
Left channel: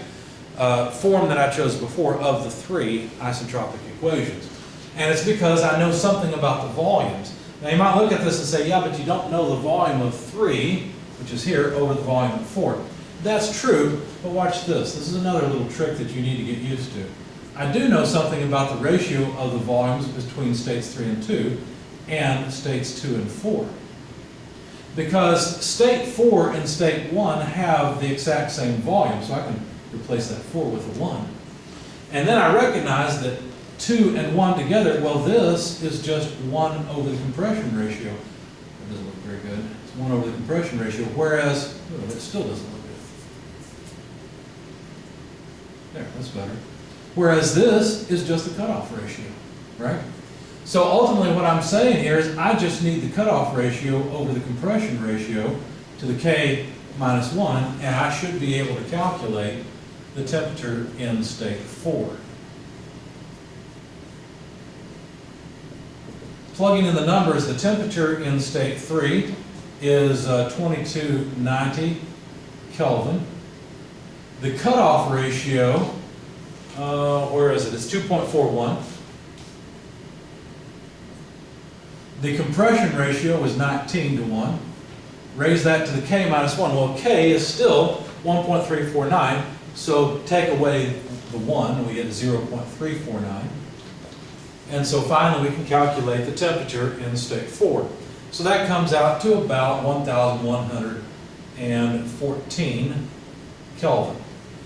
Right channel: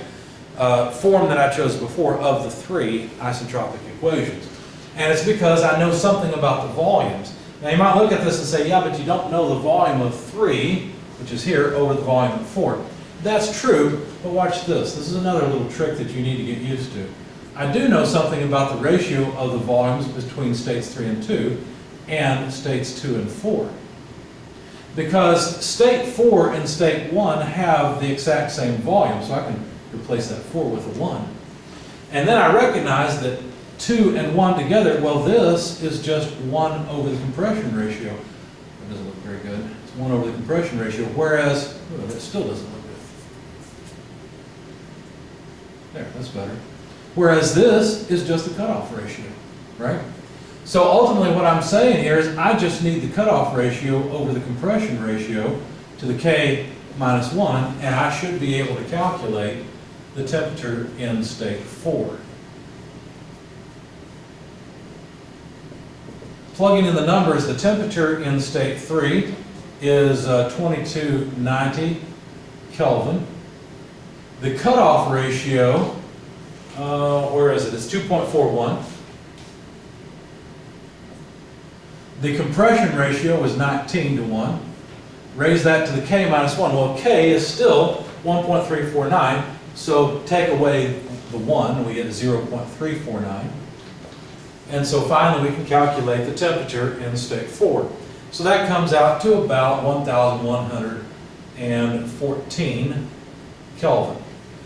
form that I chose before of the three isentropic equations. And it's because I know something about the volumes. Now you might look at this and say, yeah, but you don't know the volume of 3, which is here, over the volume of 4. That's true, but watch this. This is another little trick that you need to get used to. I do know something about the ratio of the volumes between states 3 and 2 and states 2 and 4. Because state 4 and state 1 have the exact same volume, so I can replace that 4 with a 1. And then I recognize that 2 and 1 together, well, this is just 1 over the compression ratio. That doesn't look very good. It's 1 over the compression ratio, whereas, oh, that still doesn't look good. There, that's better. Whereas this is just the cutoff ratio, right? So ultimately what I'm saying here is I just need the cutoff ratio over the compression ratio to the K minus 1, and I should be able to calculate the temperature in state 4. Plugging in the numbers, the temperature in state 3 is 2290 Kelvin. The cutoff ratio, where is it? It's 2.41. The compression ratio was 19 to 1. Raise that to the K minus 1. Well, K is still 1.349, so take away the 1, and we get 0.349. And so finally we can calculate the temperature in state 4. So that comes out to about 1,114 Kelvin.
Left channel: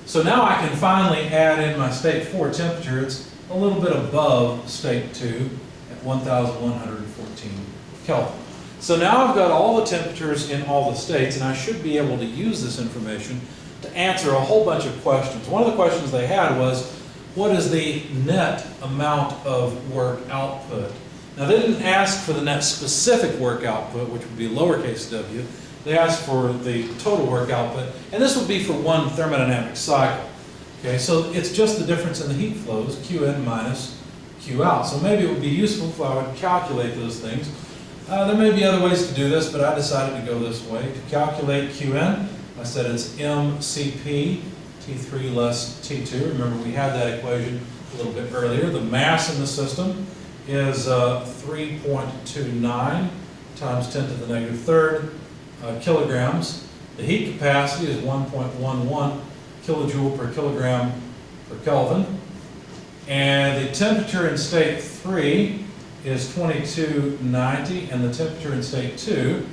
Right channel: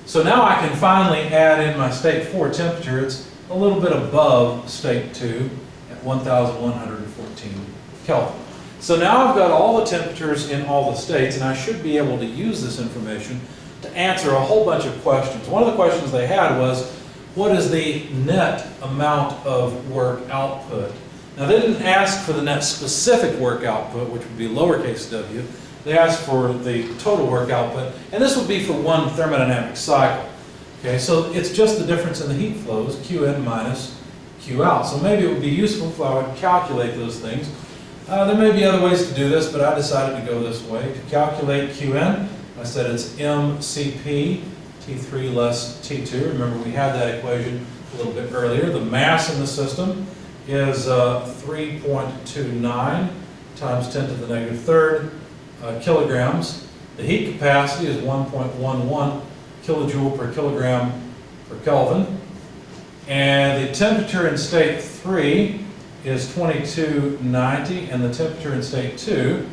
So now I can finally add in my state 4 temperature. It's a little bit above state 2 at 1,114 Kelvin. So now I've got all the temperatures in all the states, and I should be able to use this information to answer a whole bunch of questions. One of the questions they had was, what is the net amount of work output? Now they didn't ask for the net specific work output, which would be lowercase w. They asked for the total work output, and this would be for one thermodynamic cycle. Okay, so it's just the difference in the heat flows, Qin minus Q out. So maybe it would be useful if I would calculate those things. There may be other ways to do this, but I decided to go this way. To calculate Qn, I said it's mCp, T3 less T2. Remember, we had that equation a little bit earlier. The mass in the system is 3.29 times 10 to the negative third kilograms. The heat capacity is 1.11 kilojoule per kilogram per Kelvin. And the temperature in state 3 is 2290, and the temperature in state 2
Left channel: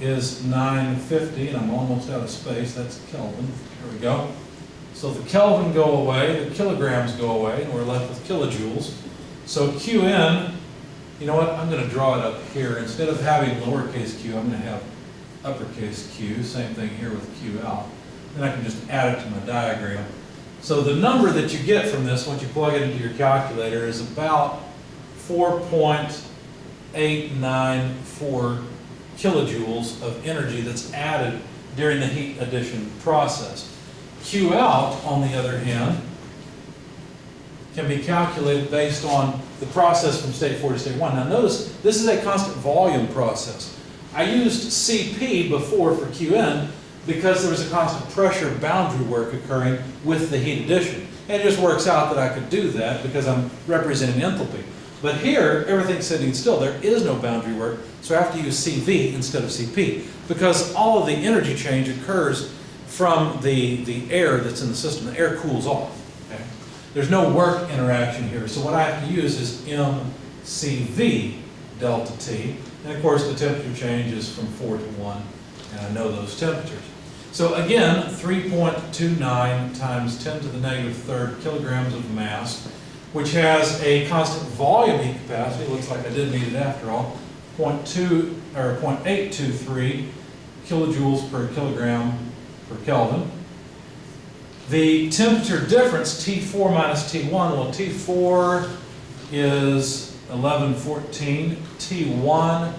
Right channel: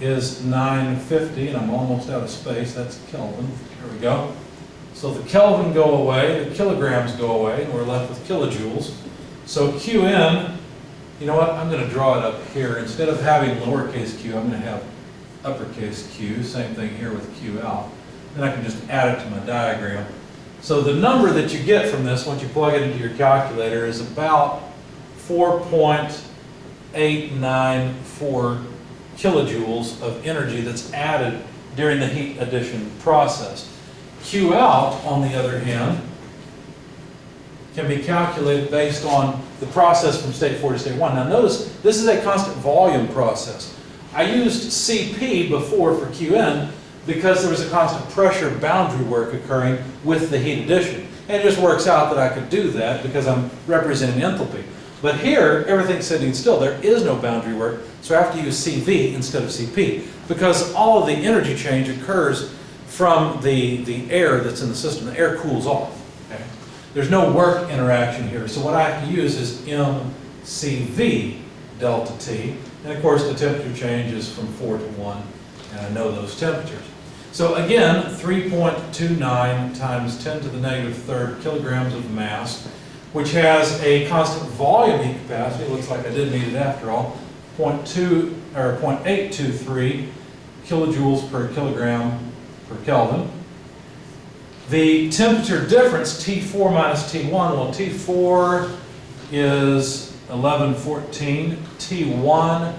is 950, and I'm almost out of space. That's Kelvin. There we go. So the Kelvin go away, the kilograms go away, and we're left with kilojoules. So Qn, you know what, I'm going to draw it up here. Instead of having lowercase q, I'm going to have uppercase Q. Same thing here with Q out. Then I can just add it to my diagram. So the number that you get from this, once you plug it into your calculator, is about 4.894 kilojoules of energy that's added during the heat addition process. Q out, on the other hand, can be calculated based on the process from state 4 to state 1. Now notice, this is a constant volume process. I used Cp before for Qn because there was a constant pressure boundary work occurring with the heat addition. And it just works out that I could do that because I'm representing enthalpy. But here, everything's sitting still. There is no boundary work, so I have to use Cv instead of Cp because all of the energy change occurs from the air that's in the system. The air cools off. Okay? There's no work interaction here, so what I have to use is mCv delta T. And of course, the temperature change is from 4 to 1, and I know those temperatures. So again, 3.29 times 10 to the negative third kilograms of mass, which has a constant volume heat capacity. Looks like I did need it after all. 0.823 kilojoules per kilogram per Kelvin. The temperature difference, T4 minus T1, well, T4 is 1114, T1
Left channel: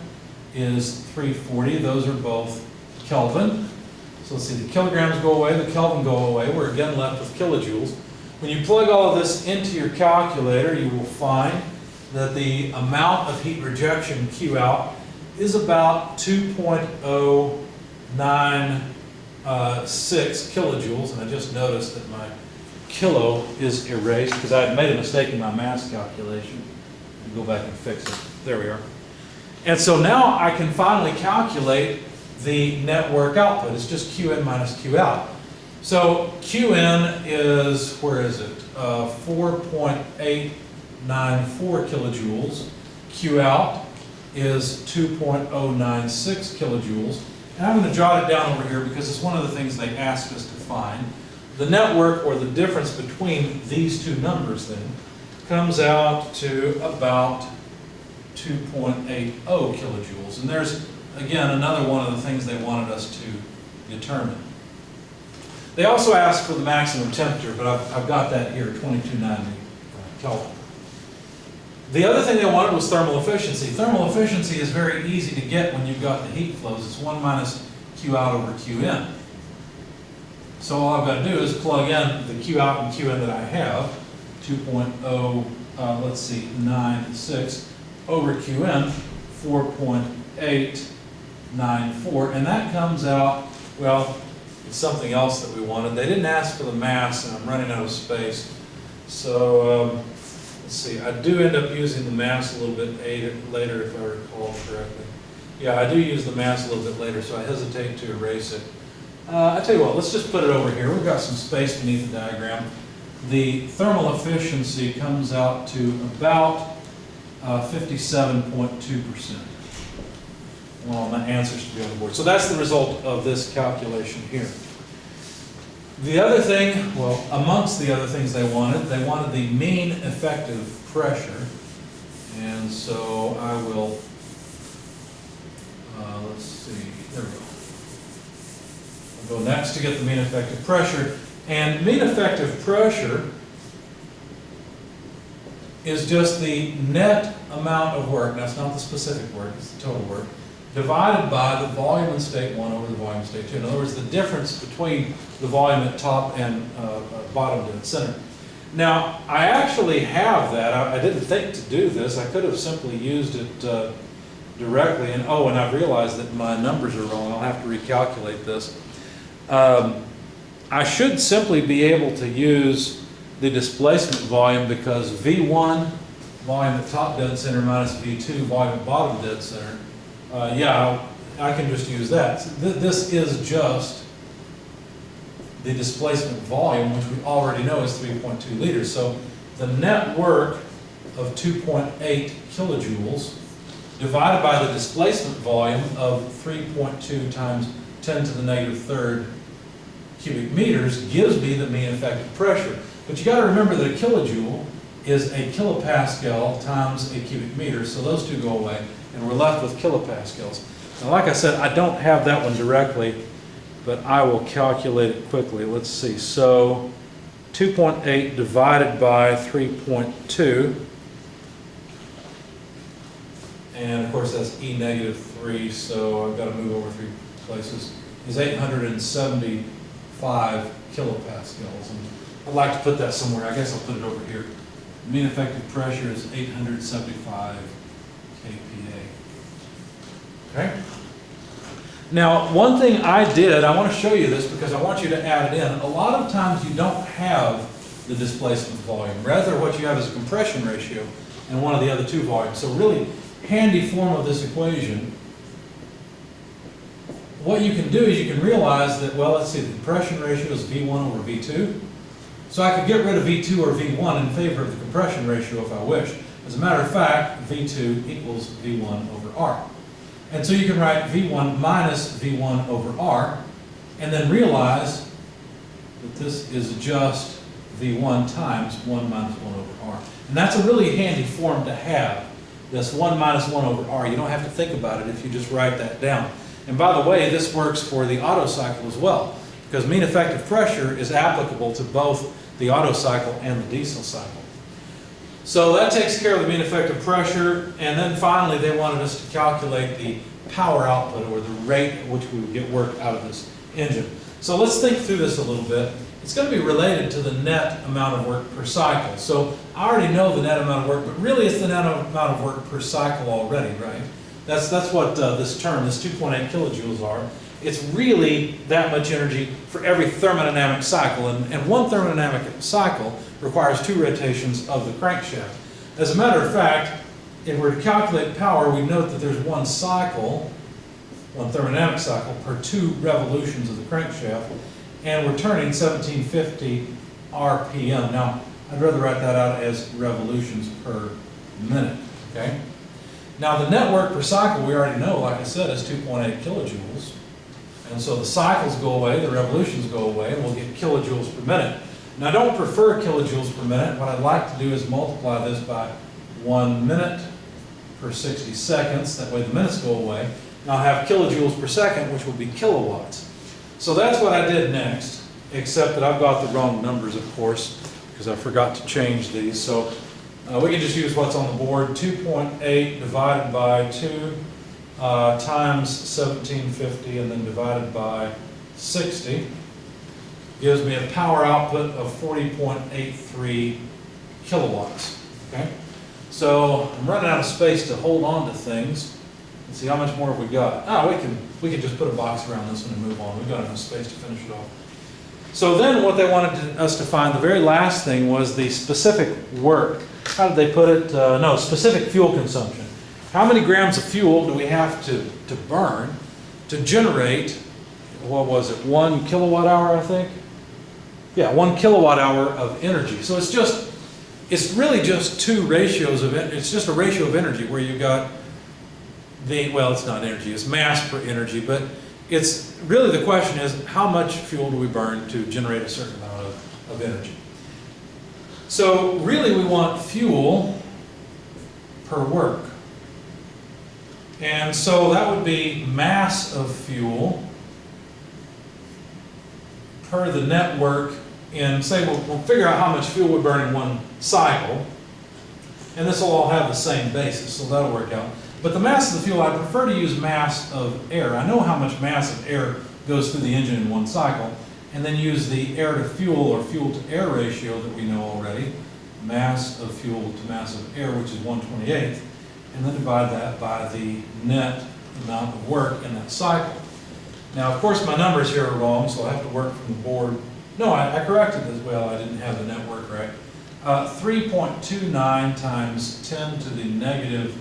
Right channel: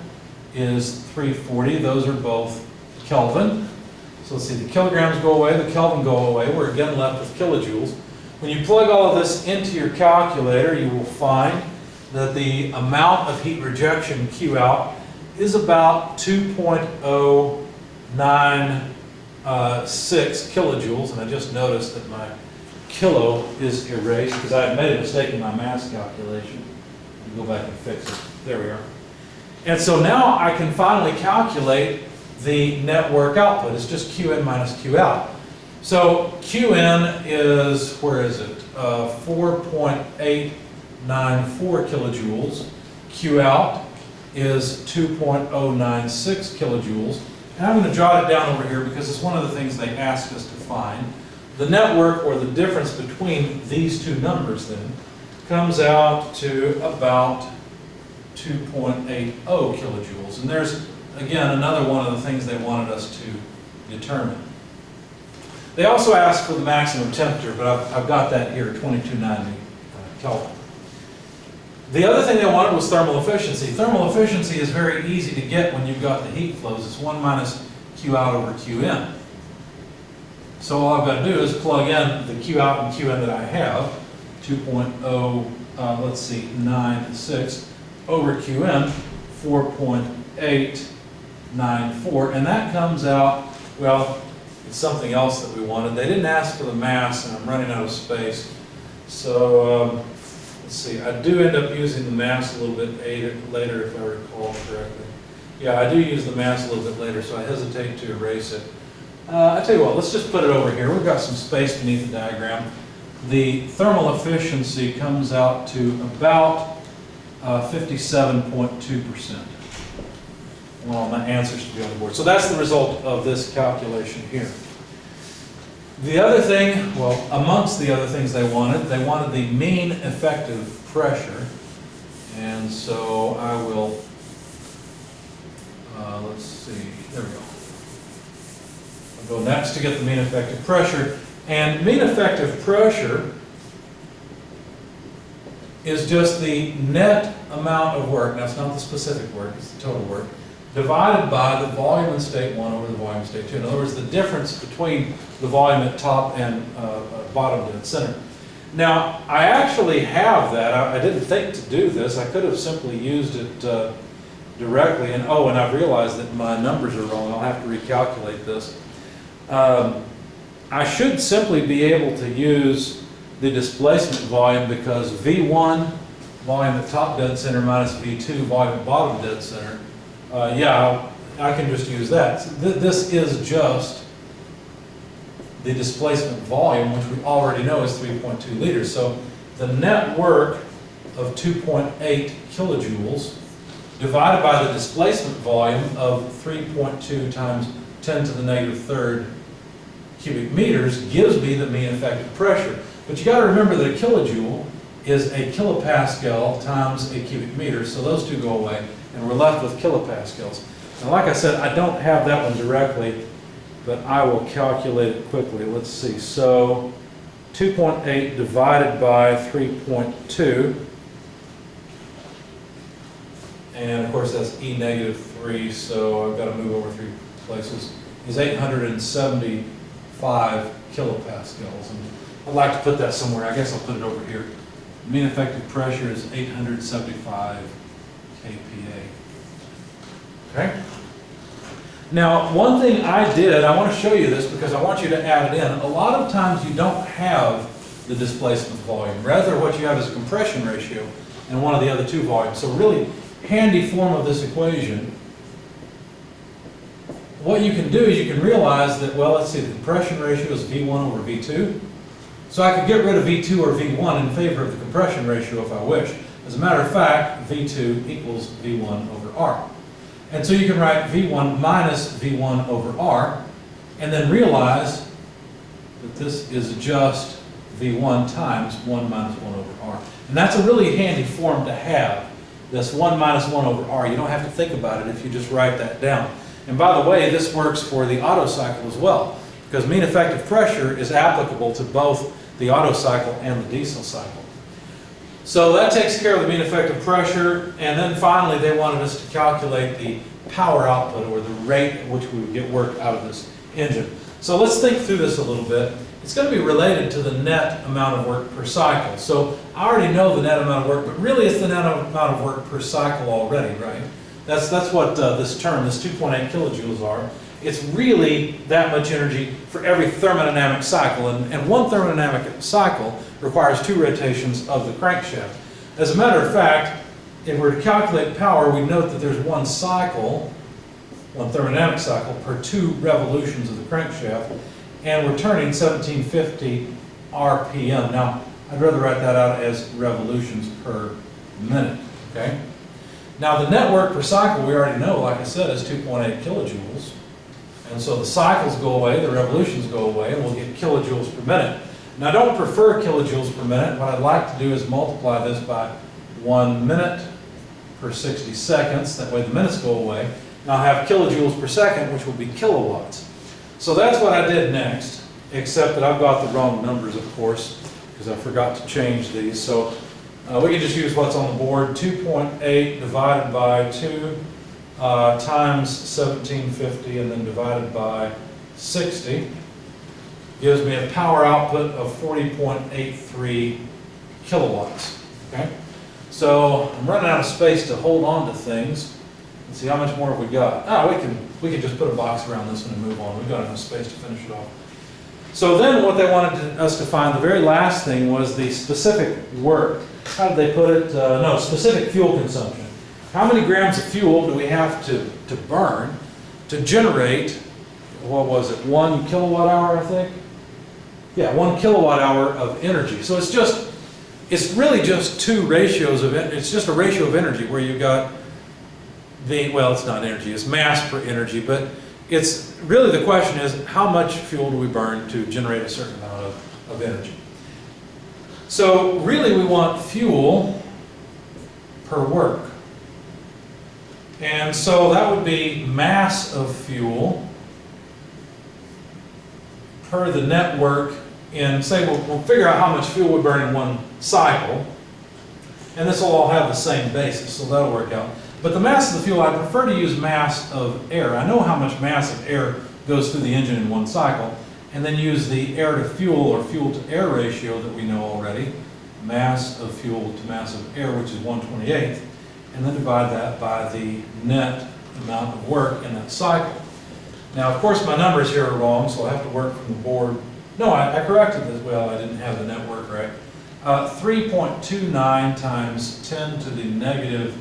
is 340. Those are both Kelvin. So let's see, the kilograms go away, the Kelvin go away. We're again left with kilojoules. When you plug all of this into your calculator, you will find that the amount of heat rejection, Q out, is about 2.096 kilojoules, and I just noticed that my kilo is erased because I had made a mistake in my mass calculation. I'll go back and fix it. There we are. And so now I can finally calculate the net work output. It's just Qin minus Qout. So Qin is, where is it? 4.894 kilojoules. Qout is 2.096 kilojoules. And I'm going to jot it down over here because it's one of the things they asked us to find. The net work, or the difference between these two numbers then, comes out to about 2.80 kilojoules. And there's, again, another one of the things they wanted us to determine. They also asked for the maximum temperature, but I've got that here, 2290 Kelvin. The other thing they wanted was thermal efficiency. Thermal efficiency is very easy to get when you've got the heat flows. It's 1 minus Q out over Qin. So all I've got to do is plug in the Q out and Qin that I have, 2.96 over Qin, 4.894, and that comes out, well, it's something else that we wanted. They didn't ask for the mass, and I'm running out of space. So let's see, I do end up using the mass a little bit later if I recall correctly. Yeah, I do use the mass a little bit later, so I hesitate to erase it. I tell you what, let's just put it over here. We've got some space beneath the diagram. The thermal efficiency comes out to about 57.2%. Well, my answers to be on the board. So that's the result of this calculation here. The other thing, well, amongst the other things they wanted the mean effective pressure. And so I will, let's see, there we go. I'll go next to get the mean effective pressure. And mean effective pressure is just the net amount of work, now it's not the specific work, it's the total work, divided by the volume in state 1 over the volume in state 2. In other words, the difference between the volume at top and bottom dead center. Now, I actually have that. I didn't think to do this. I could have simply used it directly, and oh, and I've realized that my numbers are wrong. I'll have to recalculate this. I should simply be able to use the displacement volume because V1, volume at top dead center, minus V2, volume at bottom dead center. Yeah, I can just use that. This is just the displacement volume, which we already know is 3.2 liters. So the net work of 2.8 kilojoules divided by the displacement volume of 3.2 times 10 to the negative third cubic meters gives me the mean effective pressure. But you got to remember that a kilojoule is a kilopascal times a cubic meter, so those two go away, and we're left with kilopascals. Now, like I said, I don't have that one directly, but I will calculate it quickly. Let's see. So 2.8 divided by 3.2, and of course that's E negative 3, so I've got to move over 3 places, is 875 kilopascals. And I'd like to put that somewhere. I guess I'll put it over here. Mean effective pressure is 875 kPa. Okay? Now, one thing I did, I want to show you this because I want you to add it in. A lot of times you don't have the displacement volume. Rather, what you have is a compression ratio in one of the other two volumes. So really handy form of this equation. What you can do is you can realize that, well, let's see, the compression ratio is V1 over V2. So I could get rid of V2 or V1 in favor of the compression ratio if I wish. As a matter of fact, V2 equals V1 over R. And so you can write V1 minus V1 over R, and then realize that this is just V1 times 1 minus 1 over R. And that's a really handy form to have, this 1 minus 1 over R. You don't have to think about it if you just write that down. And by the way, this works for the Otto cycle as well, because mean effective pressure is applicable to both the Otto cycle and the diesel cycle. So that takes care of the mean effective pressure, and then finally they wanted us to calculate the power output, or the rate at which we would get work out of this engine. So let's think through this a little bit. It's going to be related to the net amount of work per cycle. So I already know the net amount of work, but really it's the net amount of work per cycle already, right? That's what this term, this 2.8 kilojoules are. It's really that much energy for every thermodynamic cycle, and one thermodynamic cycle requires 2 rotations of the crankshaft. As a matter of fact, if we're to calculate power, we note that there's one cycle, one thermodynamic cycle, per 2 revolutions of the crankshaft, and we're turning 1750 RPM. Now, I'd rather write that out as revolutions per minute, okay? Now, the net work per cycle, we already know, like I said, is 2.8 kilojoules. And so the cycles go away, the revolutions go away, and we'll get kilojoules per minute. Now, I don't prefer kilojoules per minute. What I'd like to do is multiply this by 1 minute per 60 seconds. That way the minutes go away. And I'll have kilojoules per second, which will be kilowatts. So that's what I did next, except that I've got the wrong numbers, of course, because I forgot to change these. So we can just use what's on the board. 2.8 divided by 2 times 1750 and then divided by 60 gives me a power output of 40.83 kilowatts. Okay? So I'm running out of space to hold on to things. Let's see, how much more have we got? We can just put a box around this one and move on. We've got enough space to finish it off. So then what they wanted us to find, the very last thing, was the specific work. How did they put it? No, specific fuel consumption. How many grams of fuel do we have to burn to generate, what was it, 1 kilowatt hour, I think? Yeah, 1 kilowatt hour of energy. So it's really just 2 ratios of it. It's just a ratio of energy where you've got well, it's not energy, it's mass per energy, but it's really, the question is, how much fuel do we burn to generate a certain amount of energy? So really we want fuel per work. And so that would be mass of fuel per the net work in, say, we'll figure out how much fuel we burn in 1 cycle, and this will all have the same basis, so that'll work out. But the mass of the fuel, I prefer to use mass of air. I know how much mass of air goes through the engine in 1 cycle, and then use the air to fuel or fuel to air ratio that we know already, mass of fuel to mass of air, which is 1/28, and then divide that by the net amount of work in that cycle. Now, of course, my numbers here are wrong, so I have to work from the board. No, I corrected this. Well, I didn't have the net work right. 3.29 times 10 to the negative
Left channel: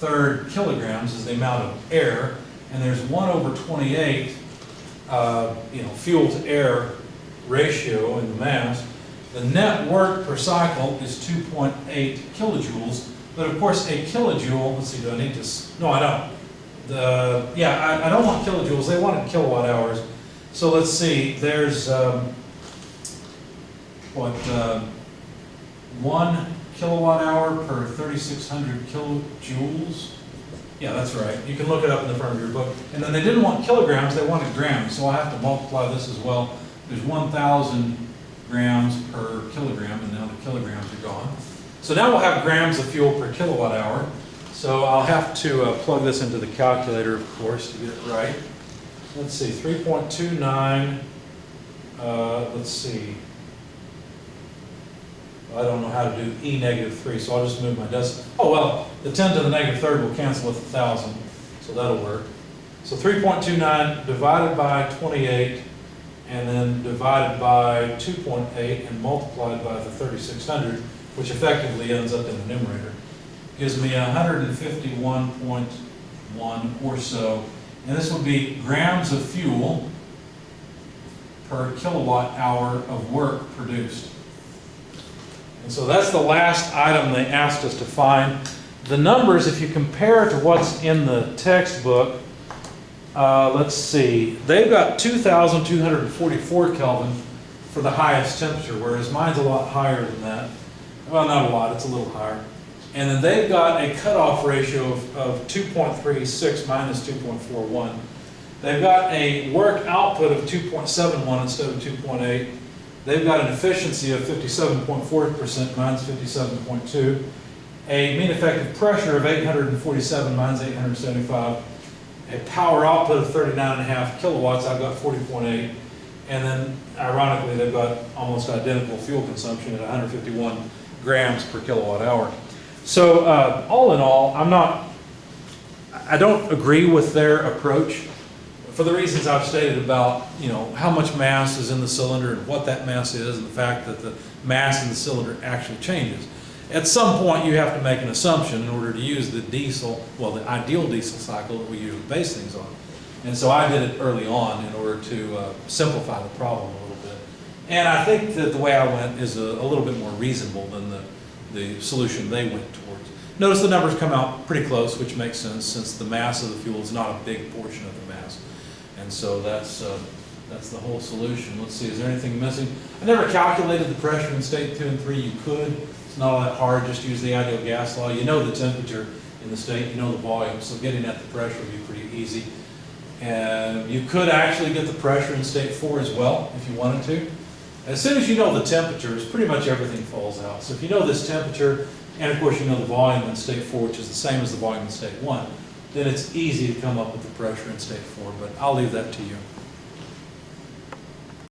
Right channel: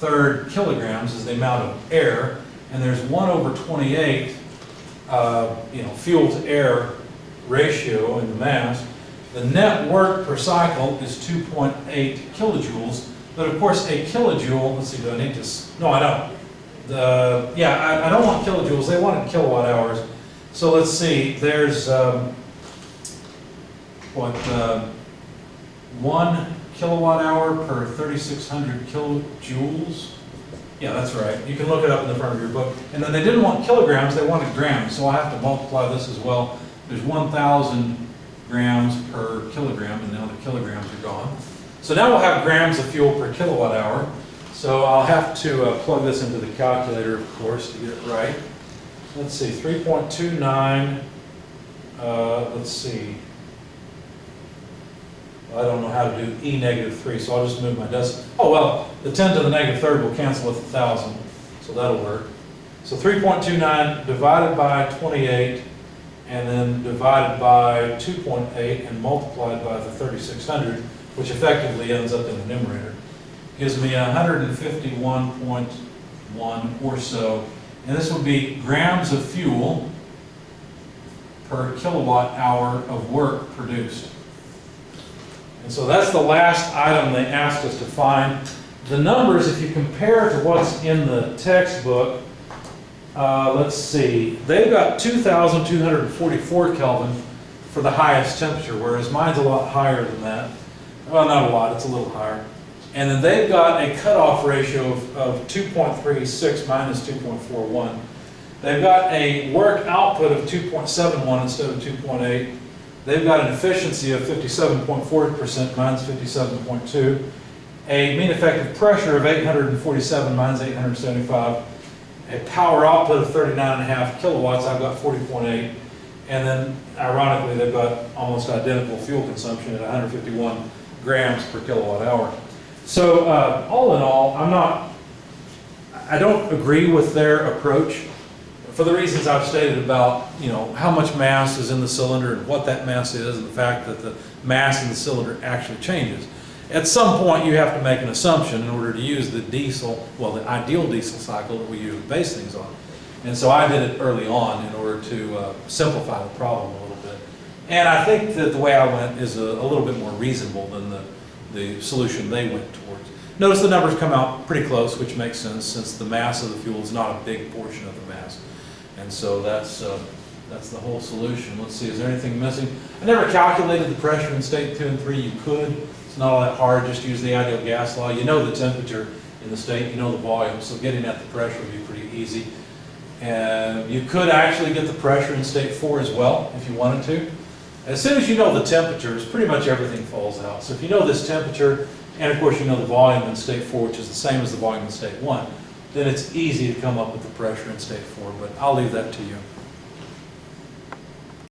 3rd kilograms is the amount of air, and there's 1/28, fuel to air ratio in the mass. The net work per cycle is 2.8 kilojoules, but of course a kilojoule, let's see, do I need to, no I don't. I don't want kilojoules, they wanted kilowatt hours. So let's see, there's 1 kilowatt hour per 3,600 kilojoules. Yeah, that's right. You can look it up in the front of your book. And then they didn't want kilograms, they wanted grams. So I have to multiply this as well. There's 1,000 grams per kilogram, and now the kilograms are gone. So now we'll have grams of fuel per kilowatt hour. So I'll have to plug this into the calculator, of course, to get it right. Let's see, 3.29, let's see. I don't know how to do E-3, so I'll just move my decimal. Oh, well, the 10 to the negative 3rd will cancel with 1,000, so that'll work. So 3.29 divided by 28, and then divided by 2.8, and multiplied by the 3,600, which effectively ends up in the numerator, gives me 151.1 or so. And this would be grams of fuel per kilowatt hour of work produced. And so that's the last item they asked us to find. The numbers, if you compare to what's in the textbook, let's see, they've got 2,244 Kelvin for the highest temperature, whereas mine's a lot higher than that. Well, not a lot, it's a little higher. And then they've got a cutoff ratio of 2.36 minus 2.41. They've got a work output of 2.71 instead of 2.8. They've got an efficiency of 57.4% minus 57.2. A mean effective pressure of 847 minus 875. A power output of 39.5 kilowatts, I've got 40.8. And then, ironically, they've got almost identical fuel consumption at 151 grams per kilowatt hour. So, all in all, I'm not I don't agree with their approach for the reasons I've stated about, how much mass is in the cylinder and what that mass is, and the fact that the mass in the cylinder actually changes. At some point, you have to make an assumption in order to use the diesel, well, the ideal diesel cycle that we usually base things on. And so I did it early on in order to simplify the problem a little bit. And I think that the way I went is a little bit more reasonable than the solution they went towards. Notice the numbers come out pretty close, which makes sense since the mass of the fuel is not a big portion of the mass. And so that's the whole solution. Let's see, is there anything missing? I never calculated the pressure in state 2 and 3. You could. It's not all that hard. Just use the ideal gas law. You know the temperature in the state. You know the volume. So getting at the pressure would be pretty easy. And you could actually get the pressure in state 4 as well if you wanted to. As soon as you know the temperatures, pretty much everything falls out. So if you know this temperature, and of course you know the volume in state 4, which is the same as the volume in state 1, then it's easy to come up with the pressure in state 4, but I'll leave that to you.